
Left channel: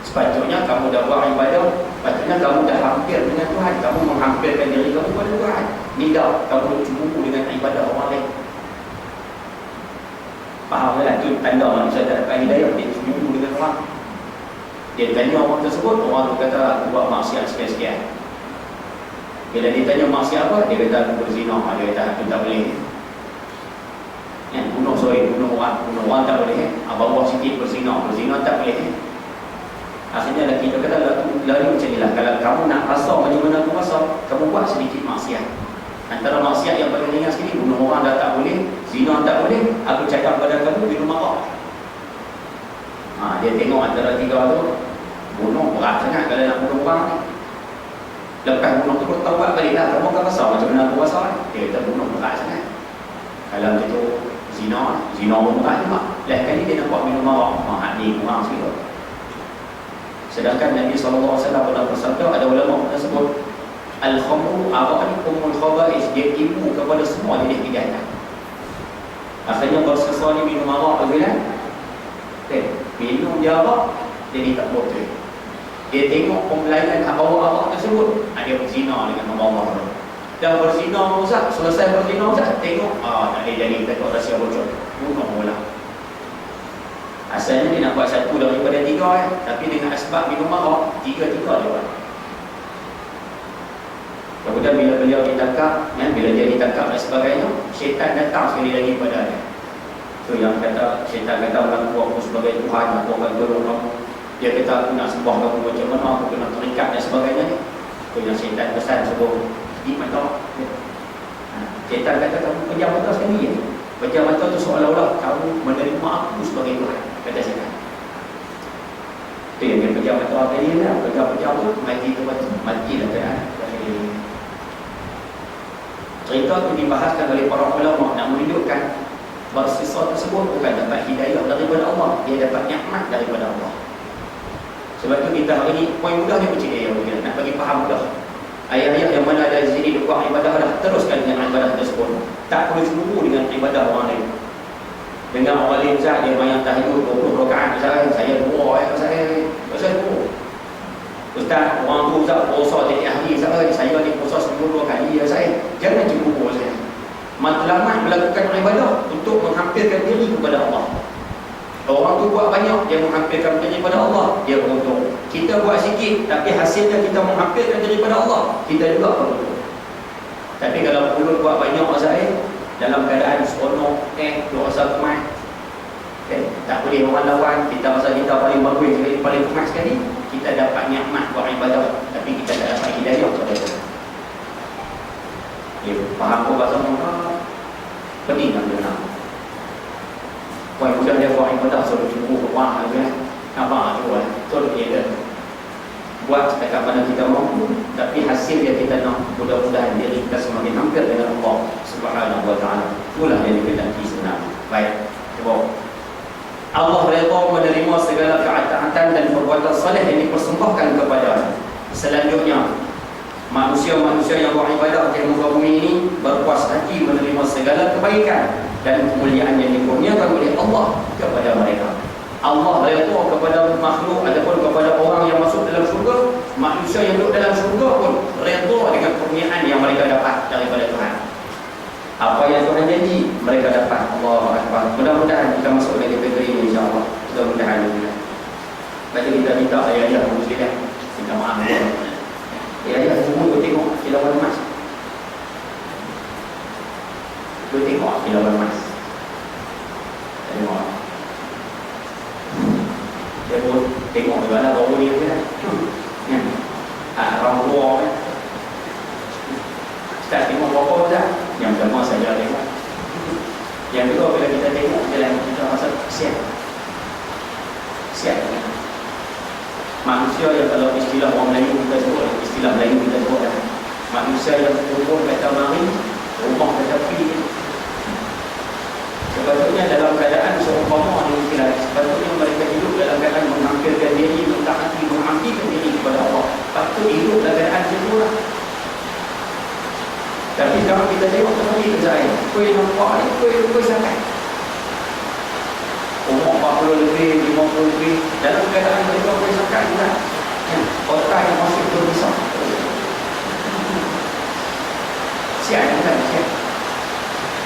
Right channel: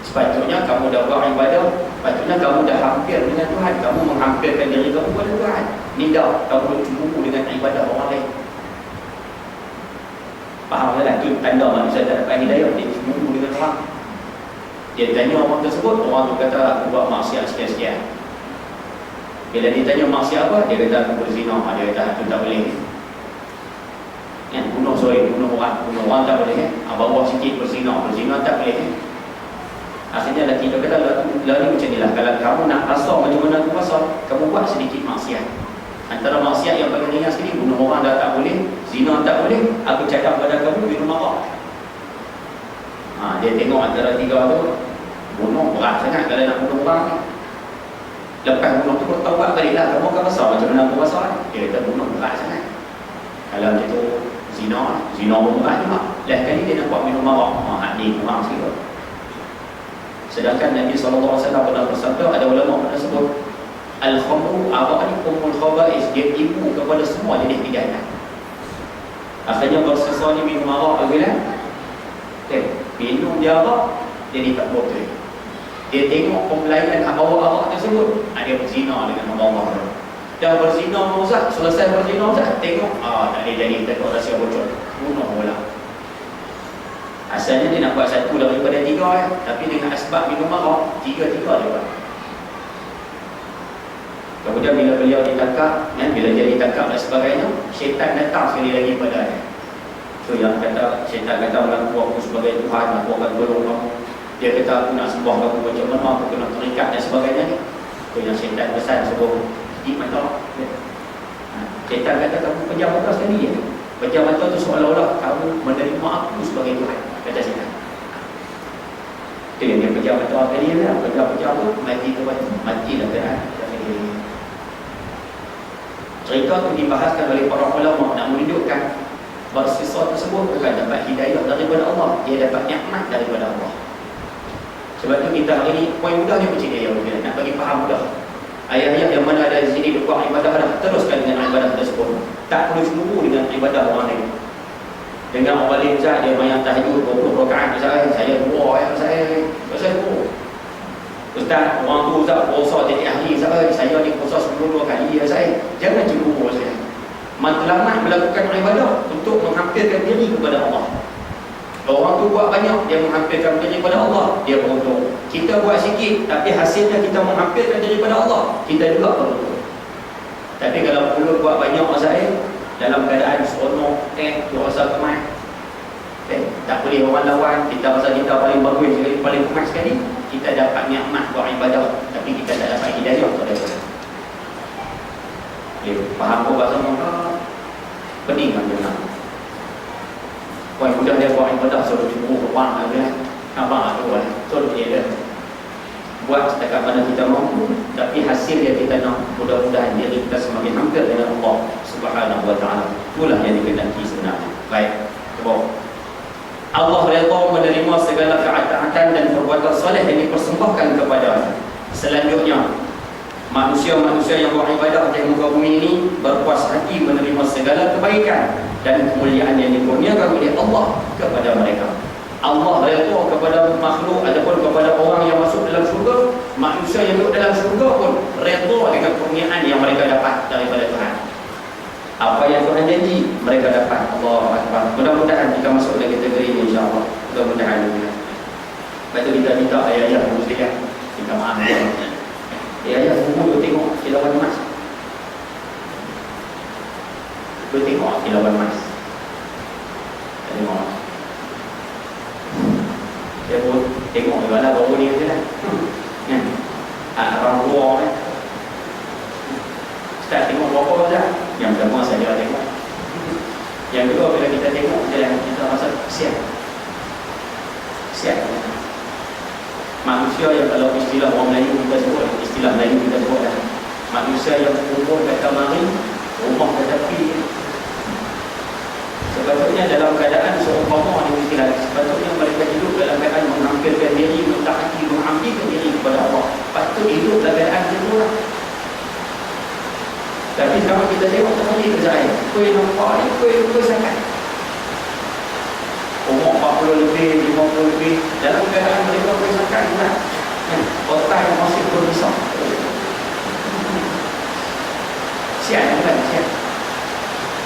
Sepatutnya kamu dah buat ibadah, sepatutnya kamu dah hampir dengan Tuhan, kamu menghampirkan diri kamu kepada Tuhan. Ni dah kamu cemburu dengan ibadah orang lain. Faham tak? Itu tanda manusia tak dapat hidayah, dia cemburu dengan orang. Dia tanya orang tersebut, orang tu kata aku buat maksiat sekian-sekian. Bila dia tanya maksiat apa, dia kata aku berzina. Dia kata aku tak boleh. Bunuh orang tak boleh. Bawah sikit berzina tak boleh. Akhirnya lelaki dia kata lalu macam ni lah, kalau kamu nak rasa macam mana aku rasa, kamu buat sedikit maksiat. Antara maksiat yang paling ringan sekali, bunuh orang dah tak boleh, zina tak boleh, aku cakap pada kamu minum arak. Dia tengok antara tiga tu, bunuh berat sangat kalau nak bunuh orang ni. Lepas bunuh tu bertaubat balik lah, kamu akan rasa macam mana aku rasa. Dia kata bunuh berat sangat. Kalau macam tu zina pun berat juga. Lepas kali dia nak buat minum arak, ni kurang sikit. Sedangkan Nabi SAW pernah bersabda, ada ulama pernah sebut, Al-khamru arak ni umul khaba'is, dia ibu kepada semua jenis kejahatan. Akhirnya bersesal ni minum arak lagi lah. Minum dia arak, jadi tak boleh. Dia tengok pembelainan hak bawa arak tersebut, dia berzina dengan Allah. Dah berzina Ustaz, selesai berzina Ustaz, tengok tak ada jadi, tengok rahsia bocor, bunuh pula. Asalnya dia nak buat satu daripada tiga, tapi dengan asbab minum arak, tiga-tiga dia buat. Kemudian bila beliau ditangkap, bila dia ditangkap dan sebagainya, syaitan datang sekali lagi pada dia. So yang kata, syaitan kata mengaku aku sebagai Tuhan, aku akan tolong kamu. Dia kata aku nak sembah kamu macam mana, aku kena terikat dan sebagainya. So yang syaitan pesan suruh di mata. Syaitan kata kamu pejam mata sekali ya. Pejam mata tu seolah-olah kamu menerima aku sebagai Tuhan, kata syaitan. Itu yang dia pejam mata tadi lah, pejam-pejam tu mati lah kan. Cerita itu dibahaskan oleh para ulama nak menunjukkan bahawa siswa tersebut bukan dapat hidayah daripada Allah, dia dapat nikmat daripada Allah. Sebab itu kita hari ini poin mudahnya macam dia nak bagi faham mudah. Ayat-ayat yang mana ada di sini dukung ibadah dah, teruskan dengan ibadah tersebut. Tak perlu cemburu dengan ibadah orang lain. Dengan orang lain dia banyak tahajud 20 rakaat, saya buat saya buat. Ustaz, orang tu Ustaz puasa jadi ahli saya ni puasa 10 kali saya. Jangan cemburu saya. Matlamat melakukan ibadah untuk menghampirkan diri kepada Allah. Orang tu buat banyak, dia menghampirkan diri kepada Allah, dia beruntung. Kita buat sikit, tapi hasilnya kita menghampirkan diri kepada Allah, kita juga beruntung. Tapi kalau mulut buat banyak saya dalam keadaan seronok, tu rasa kemas. Tak boleh orang lawan, kita rasa kita paling bagus sekali, paling kemas sekali. Kita dapat nikmat buat ibadah, tapi kita tak dapat hidayah kepada Tuhan. Faham apa bahasa mereka? Pening kan dia nak. Poin mudah dia buat ibadah, suruh cemburu ke orang aja. Apa tu lah, suruh dia dah. Buat setakat mana kita mampu, tapi hasil yang kita nak, mudah-mudahan diri kita semakin hampir dengan Allah Subhanahu wa ta'ala. Itulah yang dikehendaki sebenarnya. Baik, coba. Allah redha menerima segala ketaatan dan perbuatan soleh yang dipersembahkan kepada. Selanjutnya, manusia-manusia yang beribadah di muka bumi ini berpuas hati menerima segala kebaikan dan kemuliaan yang dikurniakan oleh Allah kepada mereka. Allah redha kepada makhluk ataupun kepada orang yang masuk dalam syurga, manusia yang duduk dalam syurga pun redha dengan kurniaan yang mereka dapat daripada Tuhan. Apa yang Tuhan janji mereka dapat. Allah Akbar. Mudah-mudahan kita masuk dalam kategori ini insya-Allah. Mudah-mudahan juga. Baca kita minta ayah-ayah muslihat. Minta maaf. Ayah semua tu tengok kilauan emas. Tu tengok kilauan emas. Tengok. Dia pun tengok di mana bau dia kan. Kan? Orang tua kan. Kita tengok berapa dah. Yang pertama saya tengok. Yang kedua bila kita tengok jalan kita rasa kesian. mengabdikan diri kepada Allah. Patut hidup dalam keadaan itu lah. Tapi kalau kita tengok tadi kerja saya, kuih nampak ni, kuih sangat. Umur 40 lebih, 50 lebih, dalam keadaan mereka kuih sangat juga. Otak yang masih berbesar. Siap yang kan, siap.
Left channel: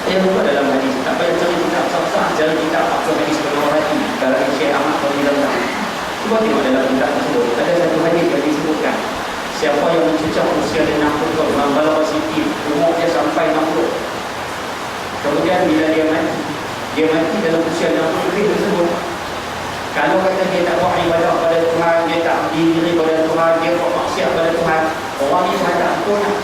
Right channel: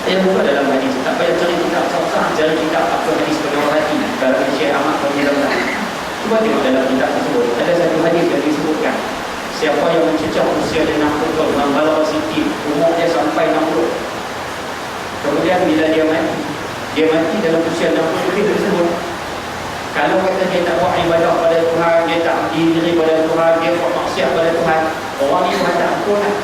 Dia buka dalam hadis, tak payah cari kitab sah-sah, cari kitab apa hadis penuh hati. Kalau Syekh Ahmad Fadilallah, cuba tengok dalam kitab tersebut, ada satu hadis yang disebutkan, siapa yang mencecah usia dia 60 tahun, Mambala Siti, umur dia sampai 60. Kemudian bila dia mati dalam usia 60 lebih tersebut. Kalau kata dia tak buat ibadah pada Tuhan, dia tak diri pada Tuhan, dia buat maksiat pada Tuhan, orang ni Tuhan tak ampun lah.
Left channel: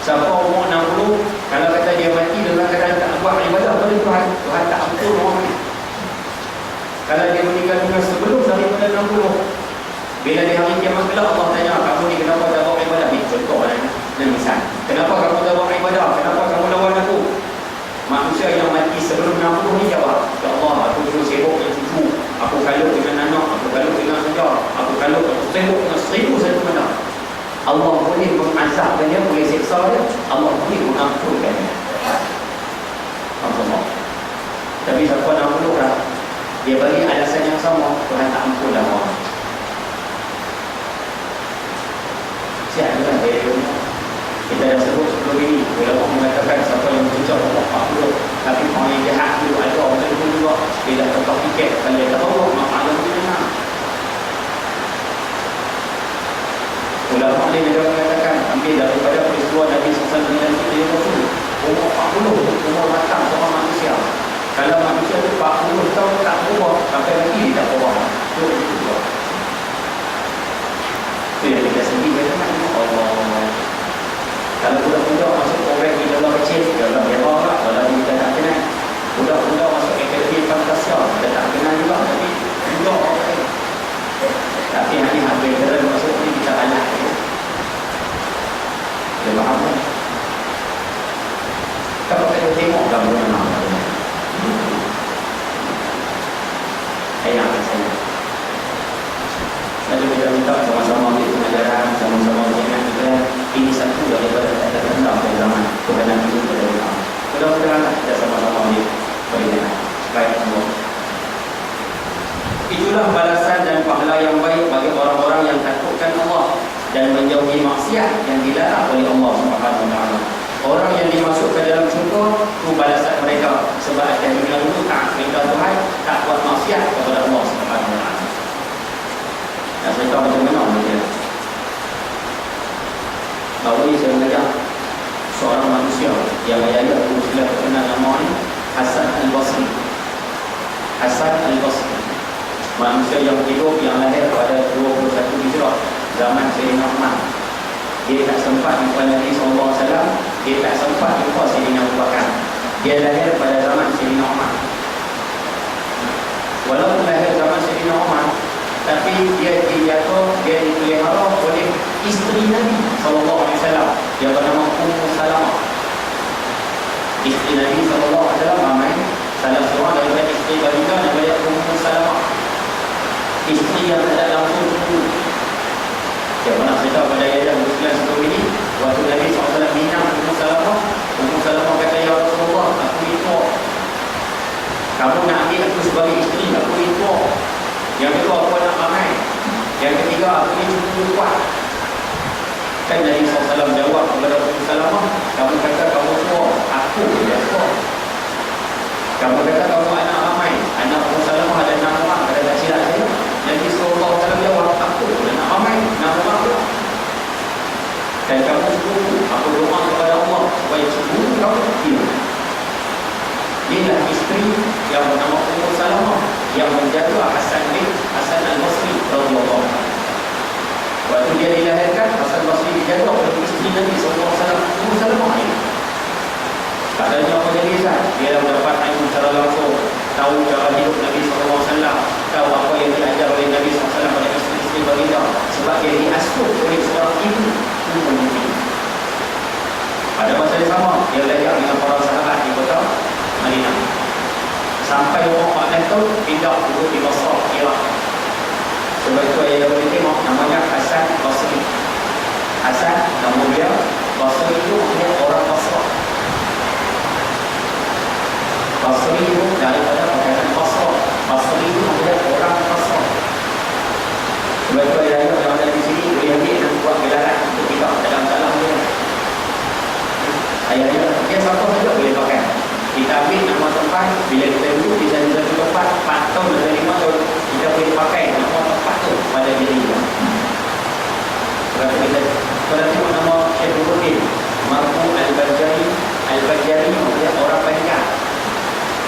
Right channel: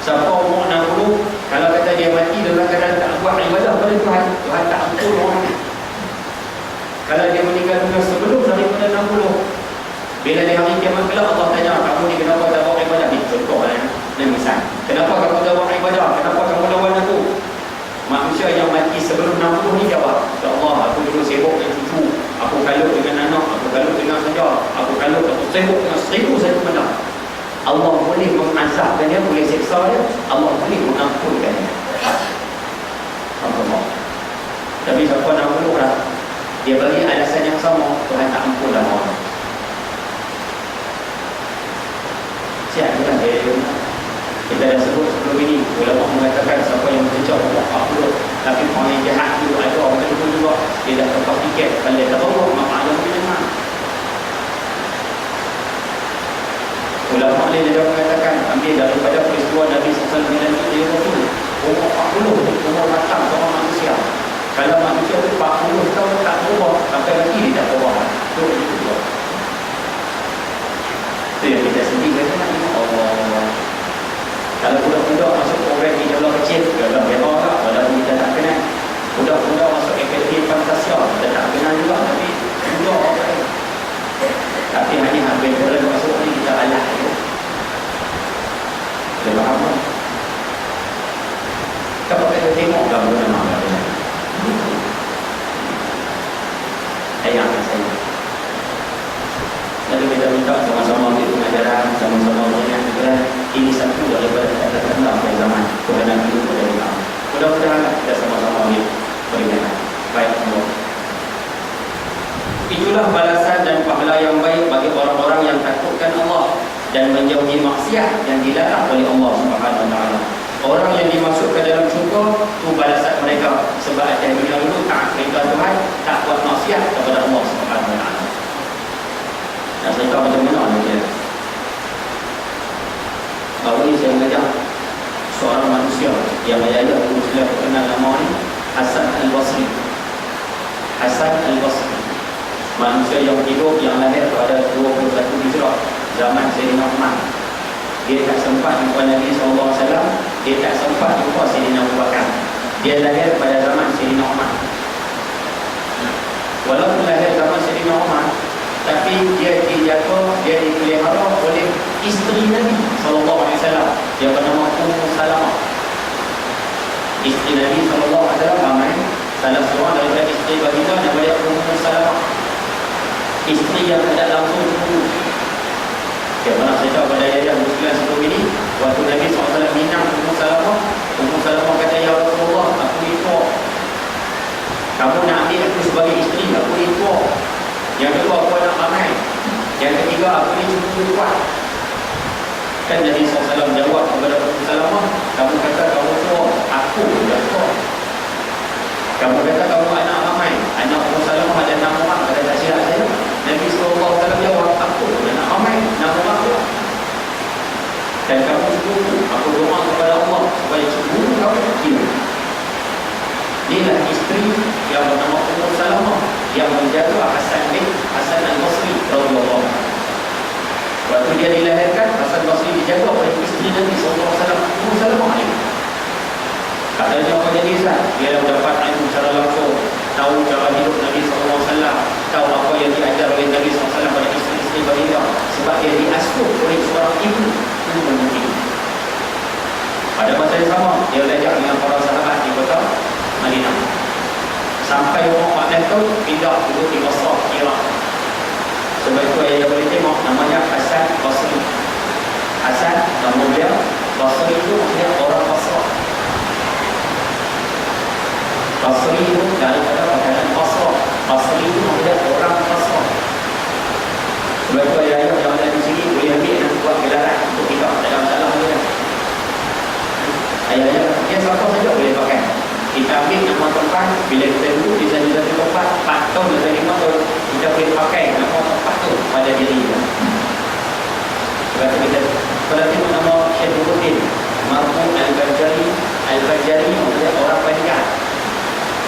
Siapa umur 60, kalau kata dia mati dalam keadaan tak buat ibadah pada Tuhan, Tuhan tak ampun orang ni. Kalau dia meninggal dunia sebelum daripada 60, bila di hari kiamat kelak Allah tanya, kamu ni kenapa tak buat ibadah? Ini contoh lah, misal, kenapa kamu tak buat ibadah? Kenapa kamu lawan aku? Manusia yang mati sebelum 60 ni jawab, ya Allah, aku dulu sibuk dengan cucu, aku kalut dengan anak, aku kalut dengan saudara, aku sibuk dengan 1001 benda. Allah boleh mengazabkannya, boleh siksa dia, Allah boleh mengampunkannya. Allah. Tapi siapa 60 lah, dia bagi alasan yang sama, Tuhan tak ampun dah orang. Siap kan dia? Kita dah sebut sebelum ini, ulama mengatakan siapa yang mencecah umur 40, tapi orang yang jahat itu ada orang itu juga, dia dah tukar tiket, kalau dia tak tahu, maka Allah boleh dengar. Ulama ni dia mengatakan, ambil daripada peristiwa Nabi SAW dengan kita yang betul, umur 40, umur matang seorang manusia. Kalau manusia itu 40 tahun tak berubah, sampai lagi dia tak berubah. Itu juga. Itu yang kita sendiri kata, Allah. Kalau budak-budak masuk program di dalam kecil, dalam memang lah, walaupun kita tak kenal. Budak-budak masuk akademi Fantasia, kita tak kenal juga, tapi budak orang lain. Tapi hanya hampir berat masuk ni kita alah je. Kita faham kan? Kalau kita tengok gambar nama macam ayah saya. Lalu kita minta sama-sama di pengajaran, sama-sama mengingat juga ini satu daripada tanda-tanda pada zaman kebenaran itu pada Islam. Mudah-mudahan kita sama-sama beringat. Baik semua. Itulah balasan dan pahala yang baik bagi orang-orang yang takutkan Allah dan menjauhi maksiat yang dilarang oleh Allah Subhanahu wa taala. Orang yang dimasukkan dalam syurga, itu balasan mereka sebab akan dunia itu tak perintah Tuhan, tak buat maksiat kepada Allah Subhanahu wa taala. Dan cerita macam mana ni dia? Baru ni saya mengajar seorang manusia yang ayat Muslim terkenal nama ni Hasan Al-Basri. Hasan Al-Basri, manusia yang hidup yang lahir pada 21 Hijrah, zaman Sayyidina Umar. Dia tak sempat jumpa Nabi SAW, dia tak sempat jumpa Sayyidina Abu Bakar. Dia lahir pada zaman Sayyidina Umar. Walaupun lahir zaman Sayyidina Umar, tapi dia dijatuh, dia dipelihara oleh isteri Nabi SAW yang bernama Ummu Salamah. Isteri Nabi SAW ramai, salah seorang daripada isteri baginda daripada Ummu Salamah, isteri yang tidak langsung dulu. Saya pernah cerita pada ayah Muslim sebelum ini, waktu Nabi SAW minang Ummu Salamah kata, ya Rasulullah, aku ni tua, kamu nak ambil aku sebagai isteri, aku ni tua. Yang kedua, aku anak ramai. Yang ketiga, aku ni cukup kuat. Kan Nabi SAW jawab kepada Ummu Salamah, kamu kata kamu tua, aku yang tua. Kamu kata kamu anak ramai, anak Ummu Salamah ada 6 orang, ada tak silap saya. Nabi SAW jawab, aku anak ramai, 6 orang pula. Dan kamu cukup, aku doa kepada Allah supaya cukup kamu kecil. Inilah isteri yang bernama Ummu Salamah yang menjaga Hasan Al-Basri radhiyallahu anhu. Waktu dia dilahirkan, Hasan Basri dijaga oleh isteri Nabi SAW, Ummu Salamah ini. Tak ada apa jadi Hasan, dia dapat ilmu secara langsung, tahu cara hidup Nabi SAW, tahu apa yang diajar oleh Nabi SAW pada isteri-isteri baginda, sebab dia diasuh oleh seorang ibu menyuci. Pada masa yang sama, dia belajar dengan para sahabat di kota Madinah. Sampai umur 14 tahun pindah duduk di Basrah, Iraq. Sebab itu ayah boleh tengok namanya Hasan Basri. Hasan nama dia, Basri itu dia orang Basrah. Basri itu daripada pakaian Basrah. Basri itu dia orang Basrah. Sebab itu ayah yang ada di sini boleh ambil dan buat gelaran untuk tidak dalam salah dia. Ayahnya dia satu saja boleh pakai. Kita ambil nama tempat, bila kita duduk di satu tempat 4 tahun atau 5 tahun, kita boleh pakai nama tempat tu pada diri kita. Sebab kita pada tengok nama Syekh Nuruddin Marfu Al-Bajali. Al-Bajali maksudnya orang Bajah.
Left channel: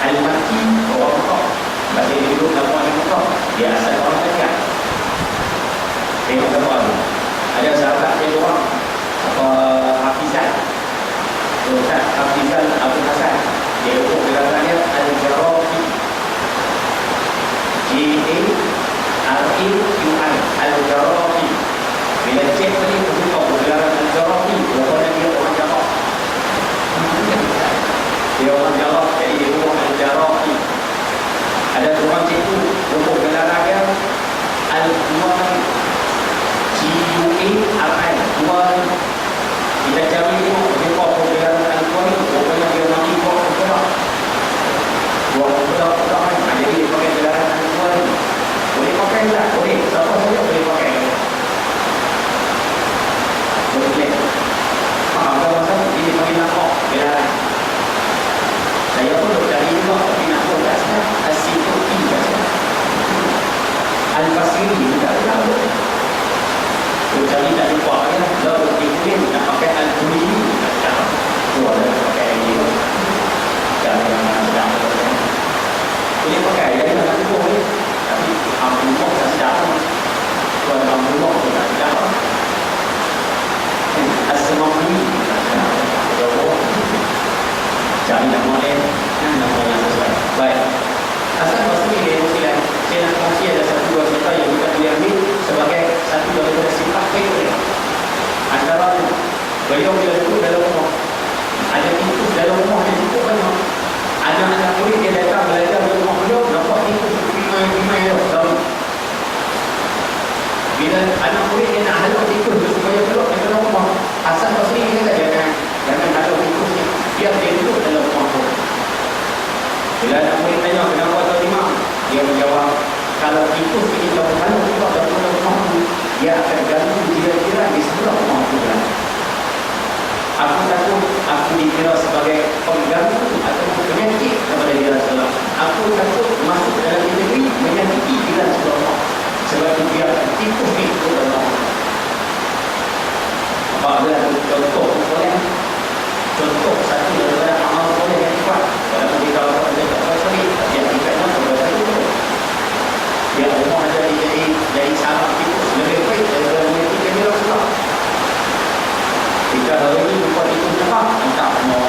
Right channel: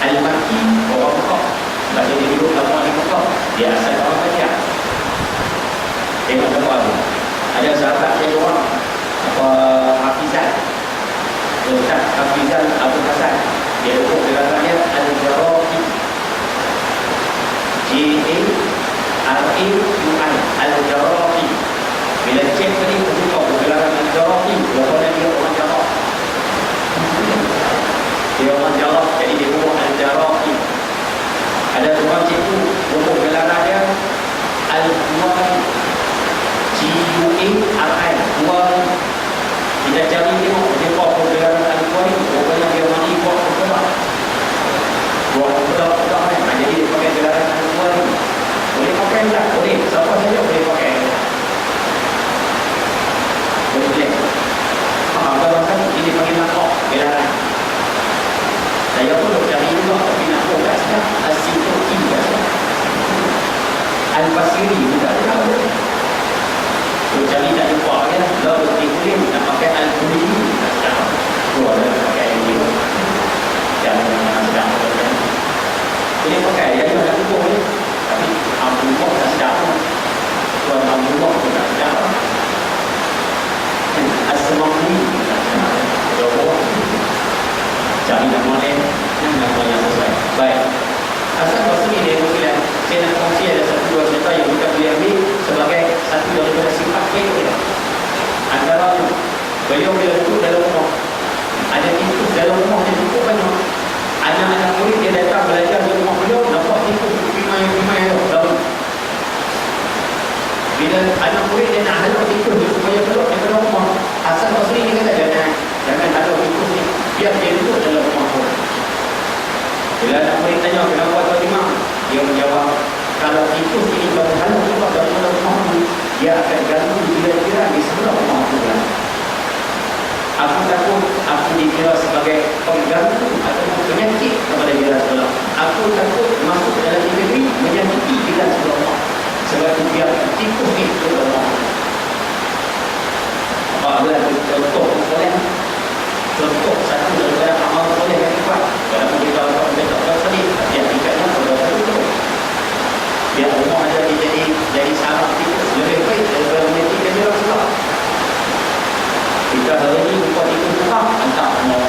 Al-Makki orang Mekah. Sebab dia hidup lama di Mekah, dia asal orang Bajah. Tengok gambar tu. Ada sahabat dia orang apa Hafizan, Ustaz Hafizan Abdul Hasan. Dia untuk gerakannya Al-Jarafi, G-A-R-A-Q-I, Al-Jarafi. Bila cek tadi beritahu gerakan Al-Jarafi, berapa dia orang Jarrah. Dia orang Jarrah, jadi dia buat Al-Jarafi. Ada orang cikgu untuk gerakannya Al-Juwari, G-U-A-R-I, Juwari. Kita cari tengok dia buat gerakan Al-Juwari, rupanya dia mandi buat perak. Buat perak kan. Jadi dia pakai gerakan Al-Juwari. Boleh pakai tak? Boleh. Siapa saja boleh pakai. Boleh. Faham tak pasal ini panggil nakok gerakan. Saya pun dah cari juga tapi nakok kat sana Al-Sintuki kat sana. Al-Basiri juga tahu. Saya cari tak jumpa dia. Lalu dia nak pakai Al-Qurani. Dua dia pakai ini. Jangan sedap. Boleh pakai. Jadi macam tu boleh. Tapi Abdullah tak sedap. Tuan Abdullah tu tak sedap. As-Samawati cari nama lain, nama yang sesuai. Baik, asal Basri dia mungkin saya nak kongsi ada satu dua cerita yang kita boleh ambil sebagai satu daripada sifat dia. Antara beliau bila duduk dalam rumah, ada tikus dalam rumah dia cukup banyak. Anak-anak murid dia datang belajar di rumah beliau, nampak tikus pimai-pimai dia. Bila anak murid dia nak halau tikus dia supaya keluar di dalam rumah, Hasan Basri ni kata jangan halau tikus ni, biar dia duduk dalam rumah tu. Bila anak murid tanya kenapa tuan imam, dia menjawab, kalau tikus ini pada halau keluar dari rumah tu, dia akan ganggu jiran-jiran di sebelah rumah tu. Aku takut aku dikira sebagai pengganggu atau penyakit kepada jiran sebelah. Aku takut masuk dalam negeri menyakiti jiran sebelah. Sebab itu biar tikus ni itu dalam. Apabila contoh boleh, contoh satu daripada amal boleh yang kuat. Kalau kita tahu kita tak pasal ni, yang kita nak berdoa itu. Ya Allah ada jadi sahabat tikus lebih baik daripada menyakiti jiran sebelah. Jika hari ini jumpa tikus tetap, entah mau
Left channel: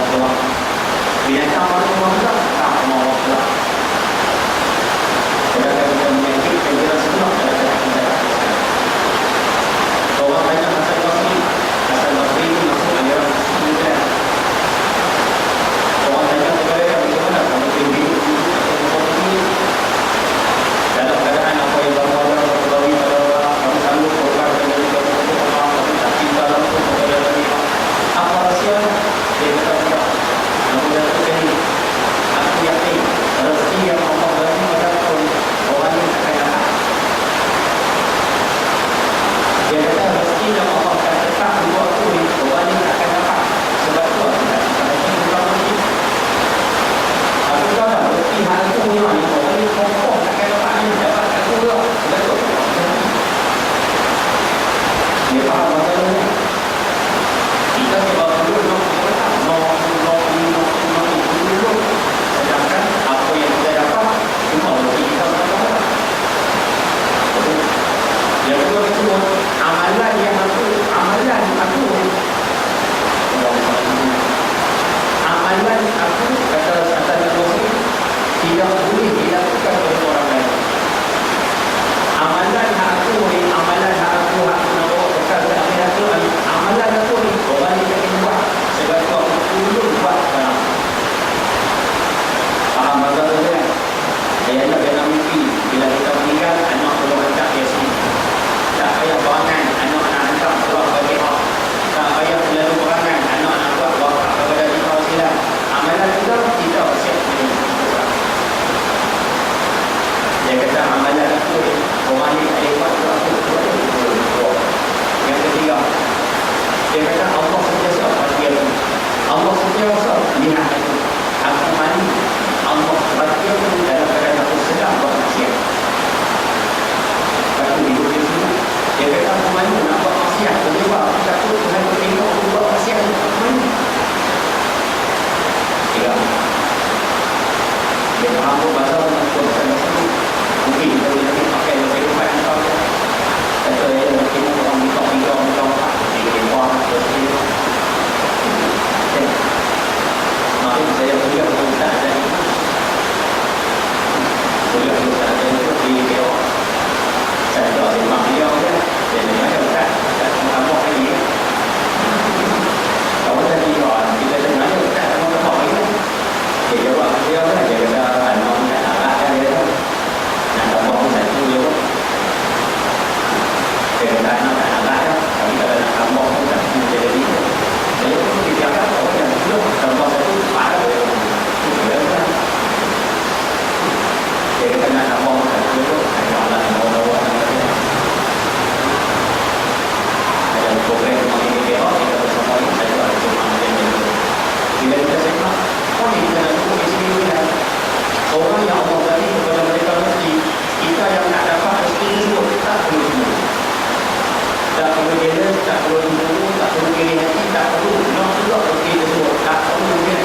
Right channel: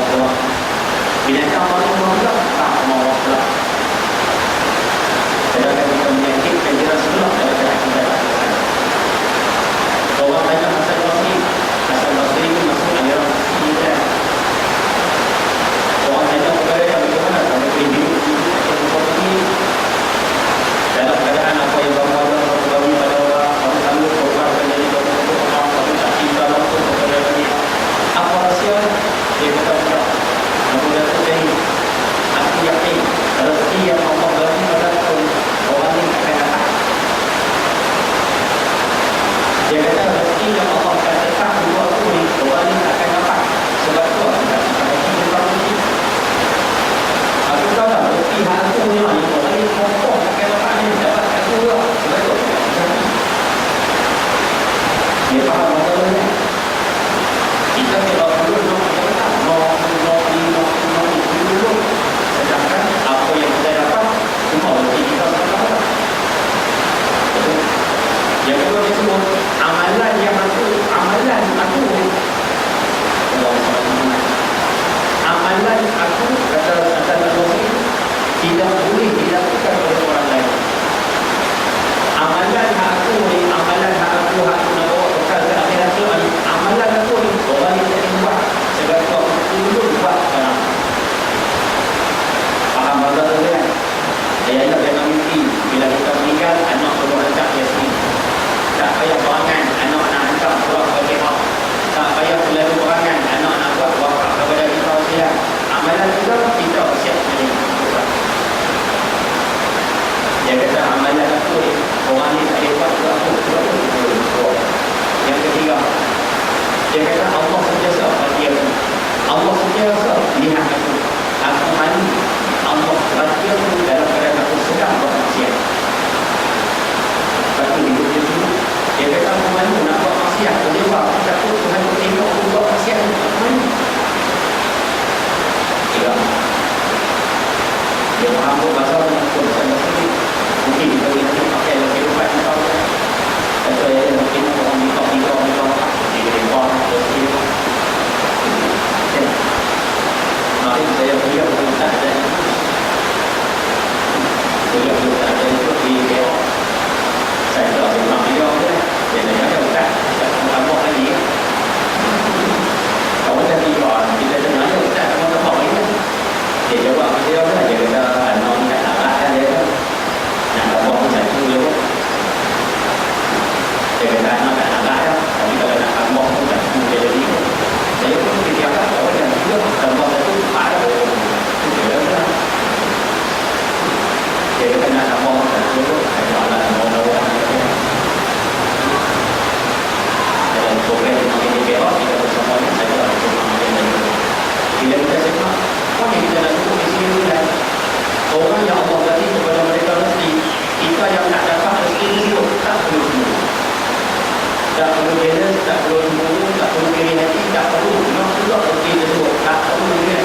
Dia kata Allah sentiasa perhatian. Allah sentiasa lihat itu. Aku mandi, Allah perhatian dalam keadaan aku sedang bermaksiat. Lepas tu hidup dia semua. Dia kata aku mandi nak buat maksiat. Dia buat, aku takut Tuhan tengok aku buat maksiat. Aku mandi. Ya. Dia faham pun bahasa bersama-sama. Mungkin kita boleh pakai dalam kehidupan kita. Atau mungkin orang minta orang dia buat seperti itu. Mari saya berikan kepada anda. Saya berikan anda itu di video. Saya tahu memang video dia. Jadi ada bukan tambah lagi. Kalau tadi kita dengar kita akan tahu ini. Dia jawab video dia kata anak nak arahkan dia. Nak tambah satu dia. Dia kata anak nak arahkan. Tapi kalau nak tambah pun tak mungkin jadi. Saya pun dianggap orang yang sudah tambah satu ada boleh. Dia kata nak tambah satu dia. Saya alat orang-orang dalam program ini kita bersama dengan saya bersama dengan bila kita semak oh ini dalam buku di sini kan orang yang Allah bagi kepada mereka rezeki kita yang nak dapat rezeki itu tak perlu tak perlu jealous, tak perlu mulu, tak perlu kiri hati, tak perlu yang juga rezeki tersebut tak perlu dia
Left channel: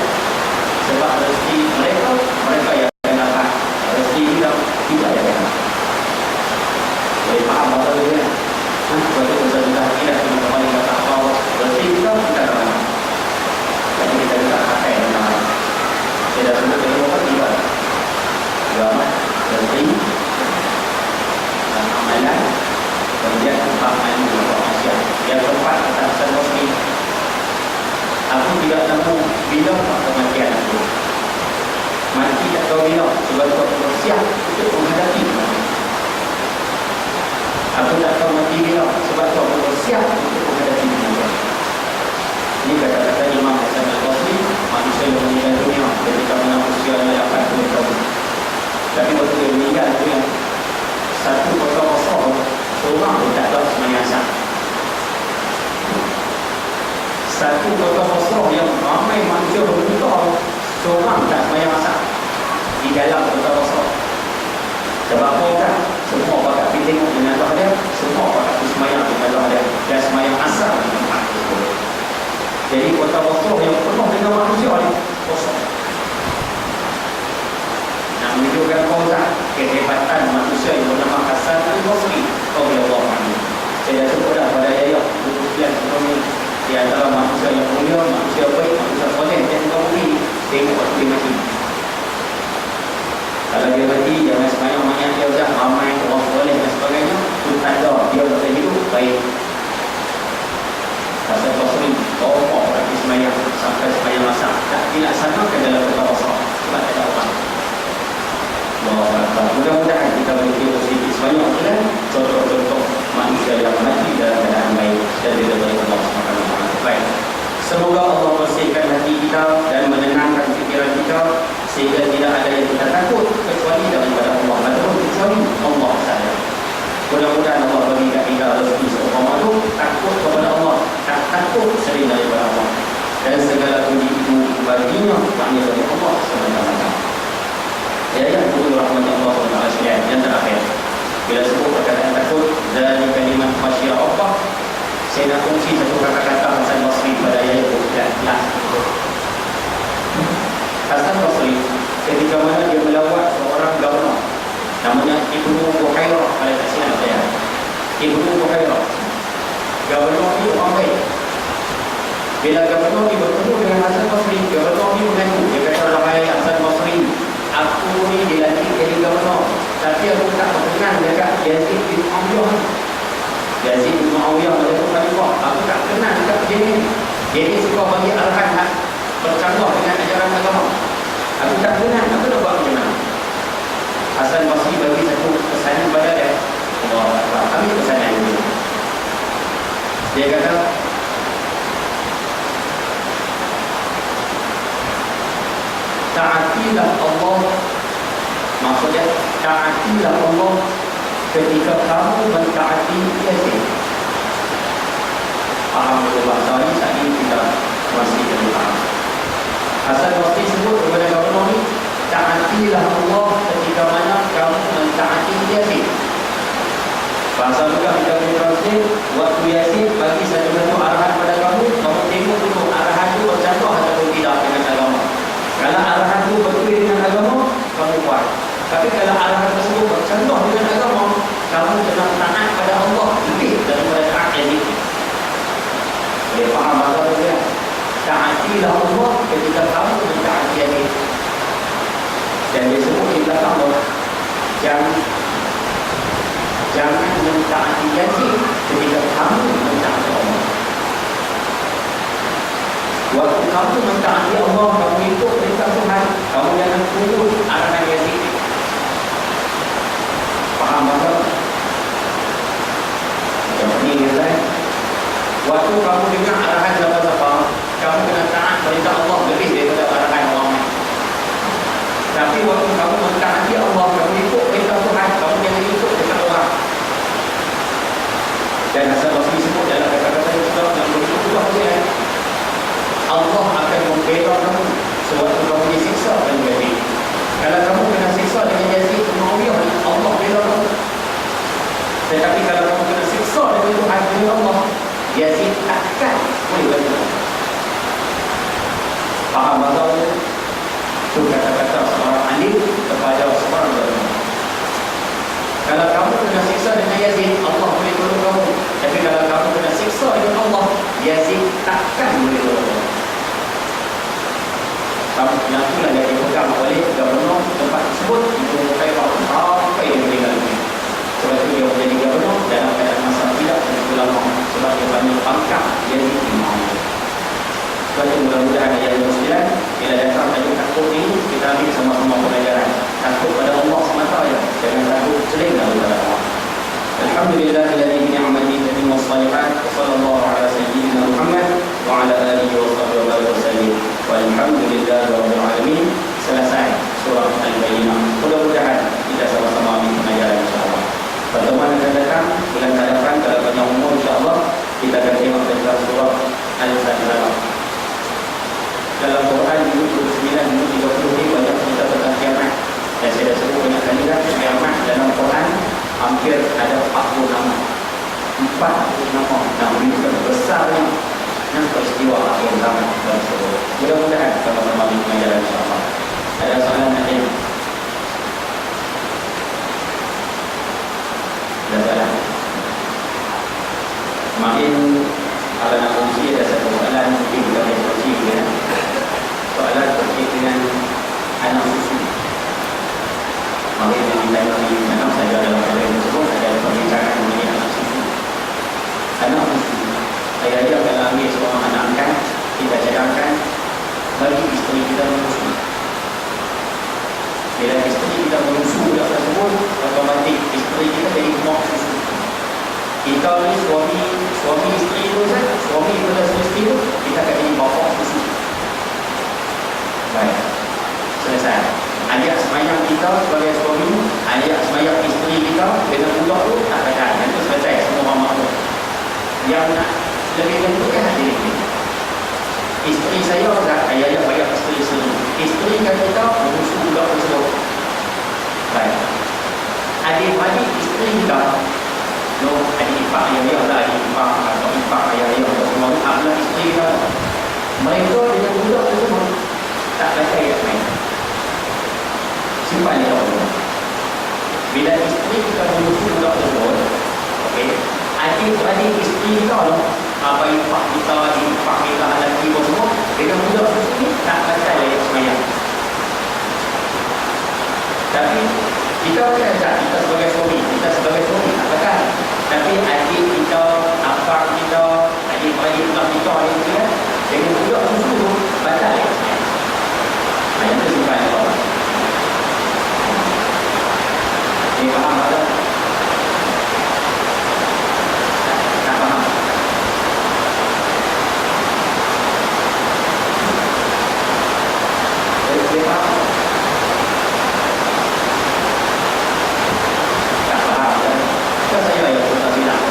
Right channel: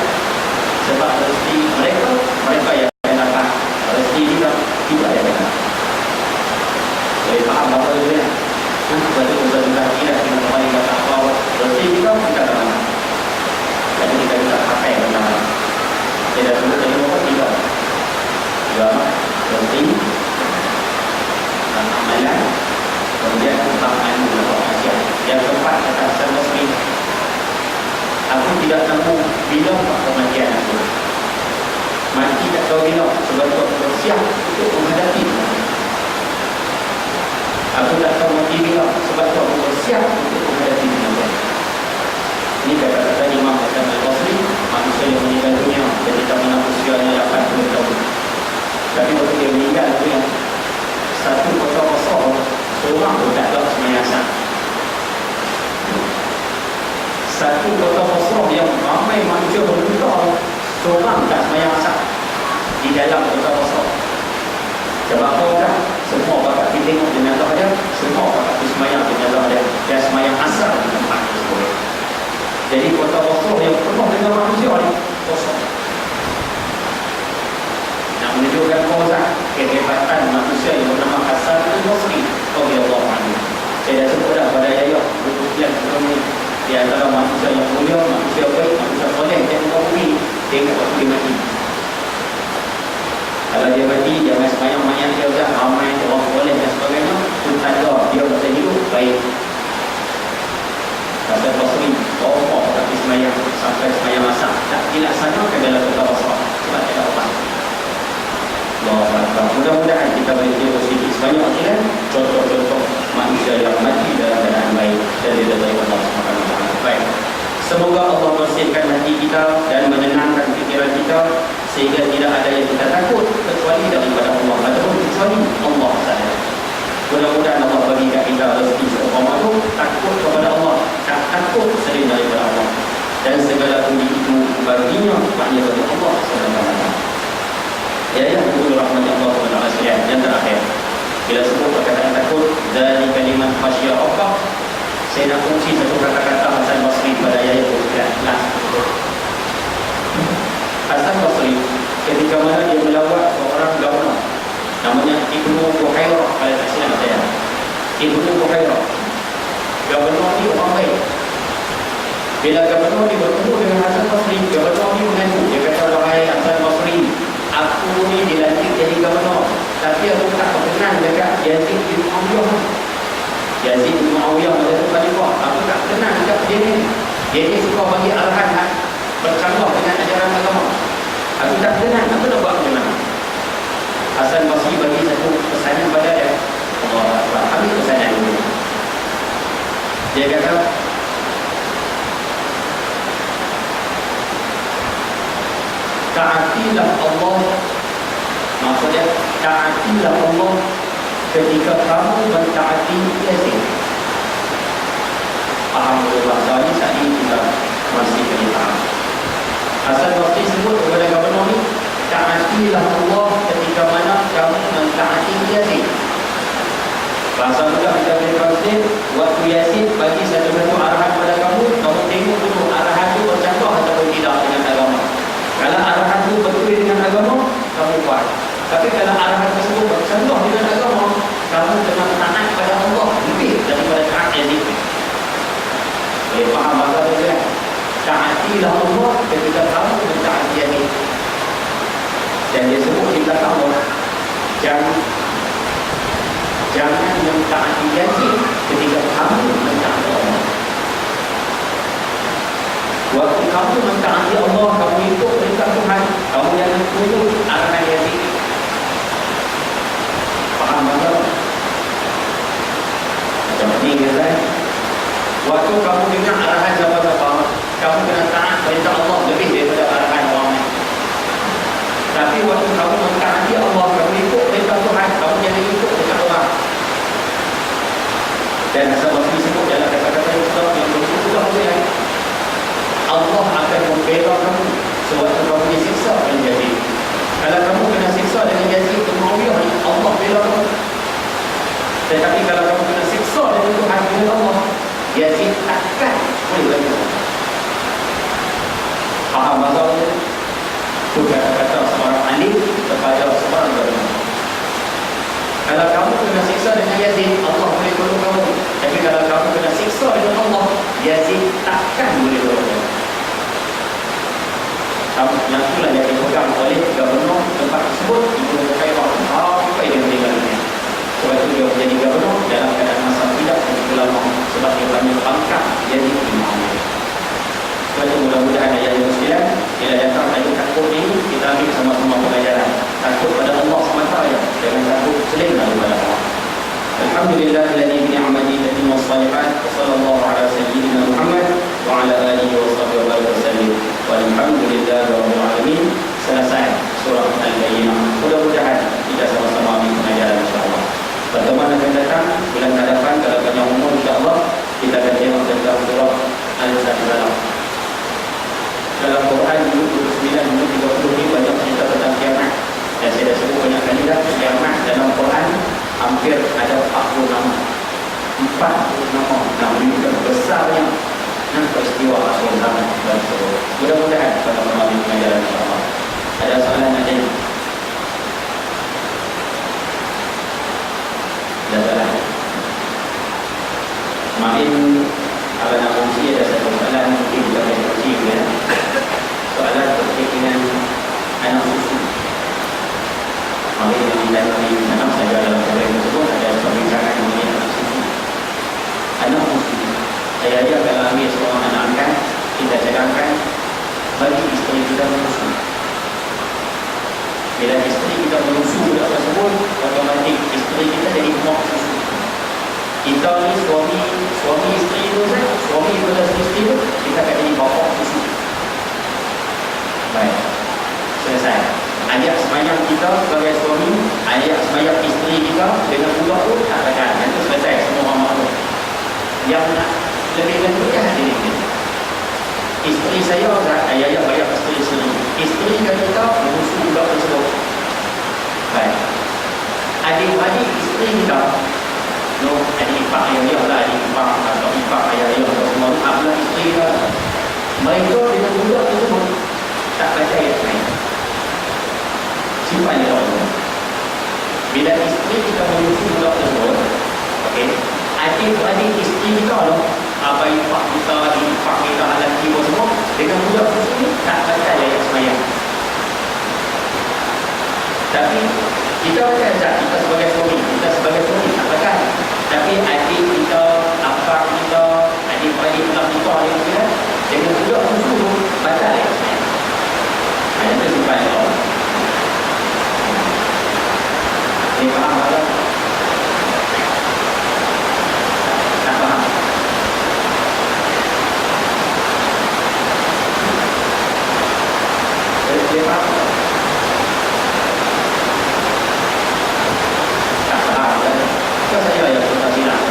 sebab rezeki mereka yang akan dapat rezeki kita tidak ada boleh faham apa dia betul usaha kita tidak kembali kata apa rezeki kita tak ada jadi kita tidak pakai benar tidak perlu dari apa tidak agama rezeki dan amalan kemudian tentang ilmu dan manusia yang keempat kata Hasan Basri aku tidak tahu bila kematian aku mati tak tahu bila sebab aku bersiap untuk menghadapi aku tak tahu mati bila sebab aku bersiap untuk menghadapi kematian. Ini kata-kata Imam Hasan Basri, manusia yang meninggal dunia ketika usianya 80 tahun. Tapi waktu dia meninggal dunia, satu kota besar, seorang pun tak tahu semayang asal. Satu kota besar yang ramai manusia berbuka, seorang tak semayang asal di dalam kota besar. Sebab apa kan? Semua pakat pergi tengok dengan Allah dia, semua pakat pergi semayang dengan Allah dia, dan semayang asal di tempat tersebut. Jadi kota besar yang penuh dengan manusia ni kosong. Nak menunjukkan konsep kehebatan manusia yang bernama Hasan Al-Basri radhiyallahu anhu. Saya dah sebut dah pada ayat buku yang sebelum ni di antara manusia yang mulia, manusia baik, manusia soleh yang kau beri tengok waktu dia mati. Kalau dia mati, jangan semayang mayat dia dah ramai orang soleh dan sebagainya. Itu tanda dia masih hidup baik. Hasan Basri bawa tapi semayang sampai semayang masak tak dilaksanakan dalam kota besar sebab tak ada orang. Mudah-mudahan kita boleh positif sebanyak kan contoh-contoh manusia yang mati dalam keadaan baik dan juga dari Allah SWT. Baik. Semoga Allah bersihkan hati kita dan menenangkan fikiran kita sehingga tidak ada yang kita takut kecuali daripada Allah ataupun kecuali Allah sahaja. Mudah-mudahan Allah bagi kita rezeki seumpama itu takut kepada Allah, tak takut selain daripada Allah, dan segala puji itu baginya hanya dari Allah SWT. Ya, rahmat Allah SWT. Yang terakhir, bila sebut perkataan takut dari kalimat khasyah Allah, saya nak kongsi satu kata-kata Hasan Basri pada ayat 29. Hasan Basri ketika mana dia melawat seorang gubernur namanya Ibnu Buhairah, kalau tak silap saya, Ibnu Buhairah. Gubernur ni orang baik. Bila gubernur ni bertemu dengan Hasan Basri, gubernur ni mengaku, dia kata, wahai Hasan Basri, aku ni dilantik jadi gubernur, tapi aku tak berkenan dekat Yazid bin Muawiyah. Yazid bin Muawiyah menjadi khalifah, aku tak kenal dekat dia ni. Dia ni suka bagi arahan bercanggah dengan ajaran agama. Aku tak kenal, aku nak buat macam mana? Hasan Basri bagi satu pesanan pada dia. Allah Akbar, ambil pesanan ini. Dia kata, taatilah Allah. Maksudnya, taatilah Allah ketika kamu mentaati Yazid. faham dulu bahasa ni, saat ini kita masih kena faham. Asal waktu sebut kepada gubernur ni, taatilah Allah ketika mana kamu mentaati Yazid. Bahasa juga kita boleh translate, waktu Yazid bagi satu-satu arahan pada kamu, kamu tengok dulu arahan itu bercanggah ataupun tidak dengan agama. Kalau arahan itu betul dengan agama, kamu buat. Tapi kalau arahan tersebut bercanggah dengan agama, kamu kena taat pada Allah lebih daripada taat Yazid. Faham bahasa itu ya? Taatilah Allah ketika kamu mentaati Yazid. Dan dia sebut di belakang Allah, jangan mentaati Yazid ketika kamu mentaati Allah. Waktu kamu mentaati Allah, kamu ikut perintah Tuhan, kamu jangan tunduk arahan Yazid. Faham tak? Macam ni kan? Waktu kamu dengar arahan siapa-siapa, kamu kena taat perintah Allah lebih daripada arahan orang. Tapi waktu kamu mentaati Allah, kamu ikut perintah Tuhan, kamu jangan ikut dekat orang. Dan asal Rasul sebut dalam kata-kata yang berubah dia, Allah akan membela kamu sewaktu kamu disiksa dengan Yazid. Kalau kamu kena siksa dengan Yazid bin Muawiyah, Allah bela kamu. Tetapi kalau kamu kena siksa dengan Tuhan dengan Allah, Yazid takkan boleh bela kamu. Faham bahawa itu kata-kata seorang alim kepada seorang ulama. Kalau kamu kena siksa dengan Yazid, Allah boleh tolong kamu. Tapi kalau kamu kena siksa dengan Allah, Yazid takkan boleh tolong kamu. Yang itulah yang dipegang oleh gubernur tempat tersebut, Ibnu Khairah sampai dia meninggal dunia. Sebab itu dia menjadi gubernur dalam keadaan masa tidak lama, sebab dia banyak pangkat jadi imam. Sebab itu mudah-mudahan ayat 29 bila datang ayat takut ini, kita ambil sama-sama pelajaran. Takut pada Allah semata ya, jangan takut selain daripada Allah. Alhamdulillahilladzi bi ni'matihi tatimmu shalihat, wa sallallahu ala sayyidina Muhammad wa ala alihi wa sahbihi wa sallam. Walhamdulillahi rabbil alamin. Selesai surah Al-Bayyinah. Mudah-mudahan kita sama-sama ambil pelajaran insya-Allah. Pertemuan akan datang bulan hadapan kalau banyak umur insya-Allah kita akan tengok tentang surah Al-Sajdah. Dalam Quran 29 ini banyak cerita tentang kiamat. Dan saya dah sebut banyak kali dah, kiamat dalam Quran hampir ada 40 nama. 40 nama. Nah, menunjukkan besarnya dan peristiwa akhir zaman tersebut. Mudah-mudahan sama-sama ambil pelajaran insya-Allah. Ada soalan ada? Ada soalan? Makin kalau nak fungsi ada satu soalan mungkin kita boleh fungsi ya. Soalan terkait dengan anak susu. Mari kita lihat dalam saya dalam program tersebut ada pembicaraan mengenai anak susu. Anak susu. Saya kalau ambil seorang anak angkat, kita cadangkan bagi isteri kita menyusu. Bila isteri kita menyusu budak tersebut, otomatik isteri kita jadi mak susu. Kita ni suami isteri tu kan, suami pada isteri tu, kita akan jadi bapa susu. Baik, selesai. Ayat semayang kita sebagai suami, ayat semayang isteri kita dengan budak tu tak akan. Yang tu selesai semua mama tu. Yang nak lebih lengkapkan diri kita. Isteri saya ayah bayar isteri. Isteri kita menyusu budak tersebut. Baik. Adik-adik isteri kita, adik ipar ayah lah, adik ipar atau ipar ayah semua adalah isteri kita. Mereka dengan budak tersebut tak baca ayat lain. Simpan dia Allah. Bila isteri kita menyusu budak tersebut, okey, adik-adik isteri kita abang ipar kita, ipar kita, lelaki pun semua dengan budak susu ni tak baca ayat semayang. Tapi kita baca tak, kita sebagai suami tak baca. Tapi adik kita, abang kita, adik-adik kita ni dengan budak susu baca ayat semayang. Itu simpan Allah. Ini faham tak? Tak faham? Dia faham? Tak faham kan? Kan saya yang kita bilang.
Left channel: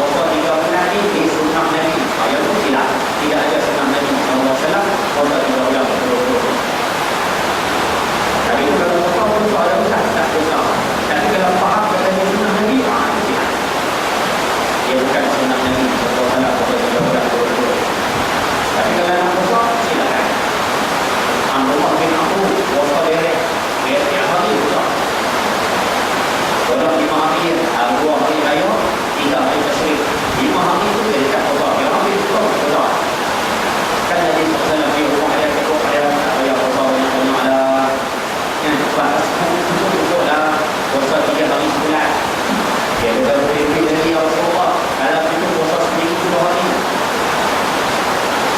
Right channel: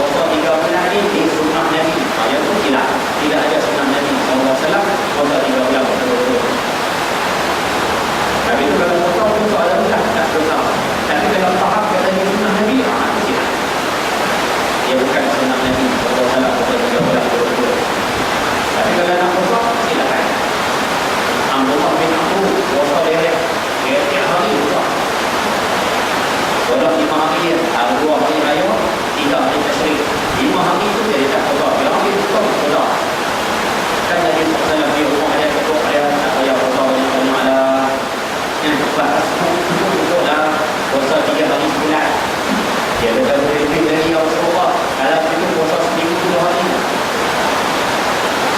puasa 3 bulan ni di sunnah Nabi. Yang tu silap. Tidak ada sunnah Nabi SAW puasa 3 bulan betul-betul. Tapi itu kalau puasa tu soalan bukan tak besar. Tapi kalau faham katanya sunnah Nabi, itu silap. Dia bukan sunnah Nabi SAW puasa 3 bulan betul-betul. Tapi kalau nak puasa, silakan. Abdullah bin Abu puasa dia tiap hari juga. Kalau 5 hari, 2 hari raya, 3 hari tasyrik. 5 hari itu dia dekat Allah. Dia hari itu pun Allah. Kan Nabi SAW di rumah dia ketuk dia, tak payah puasa banyak-banyak lah. Yang sebab cukup dah puasa 3 hari sebulan. Dia kata lebih dari ya Rasulullah. Kalau itu puasa seminggu 2 hari.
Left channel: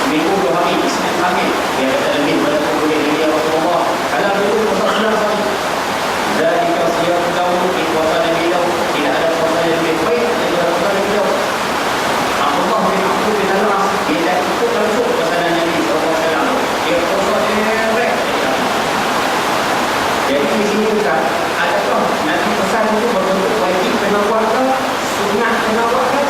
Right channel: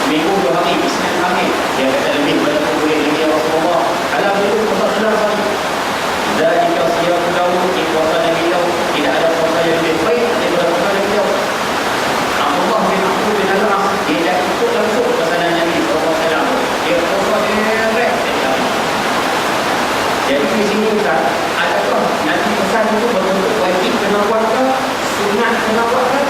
Seminggu 2 hari, Isnin hari. Dia kata lebih pada boleh dari ya Rasulullah. Kalau itu puasa 6 hari. Dari kasihan kaum di puasa Nabi Daud, tidak ada puasa yang lebih baik daripada puasa Nabi Daud. Abdullah bin Abu bin Al-As, dia dah ikut langsung pesanan Nabi SAW. Dia puasa direct. Jadi di sini kan, adakah Nabi pesan itu berbentuk wajib kena buat ke, sunat kena buat ke,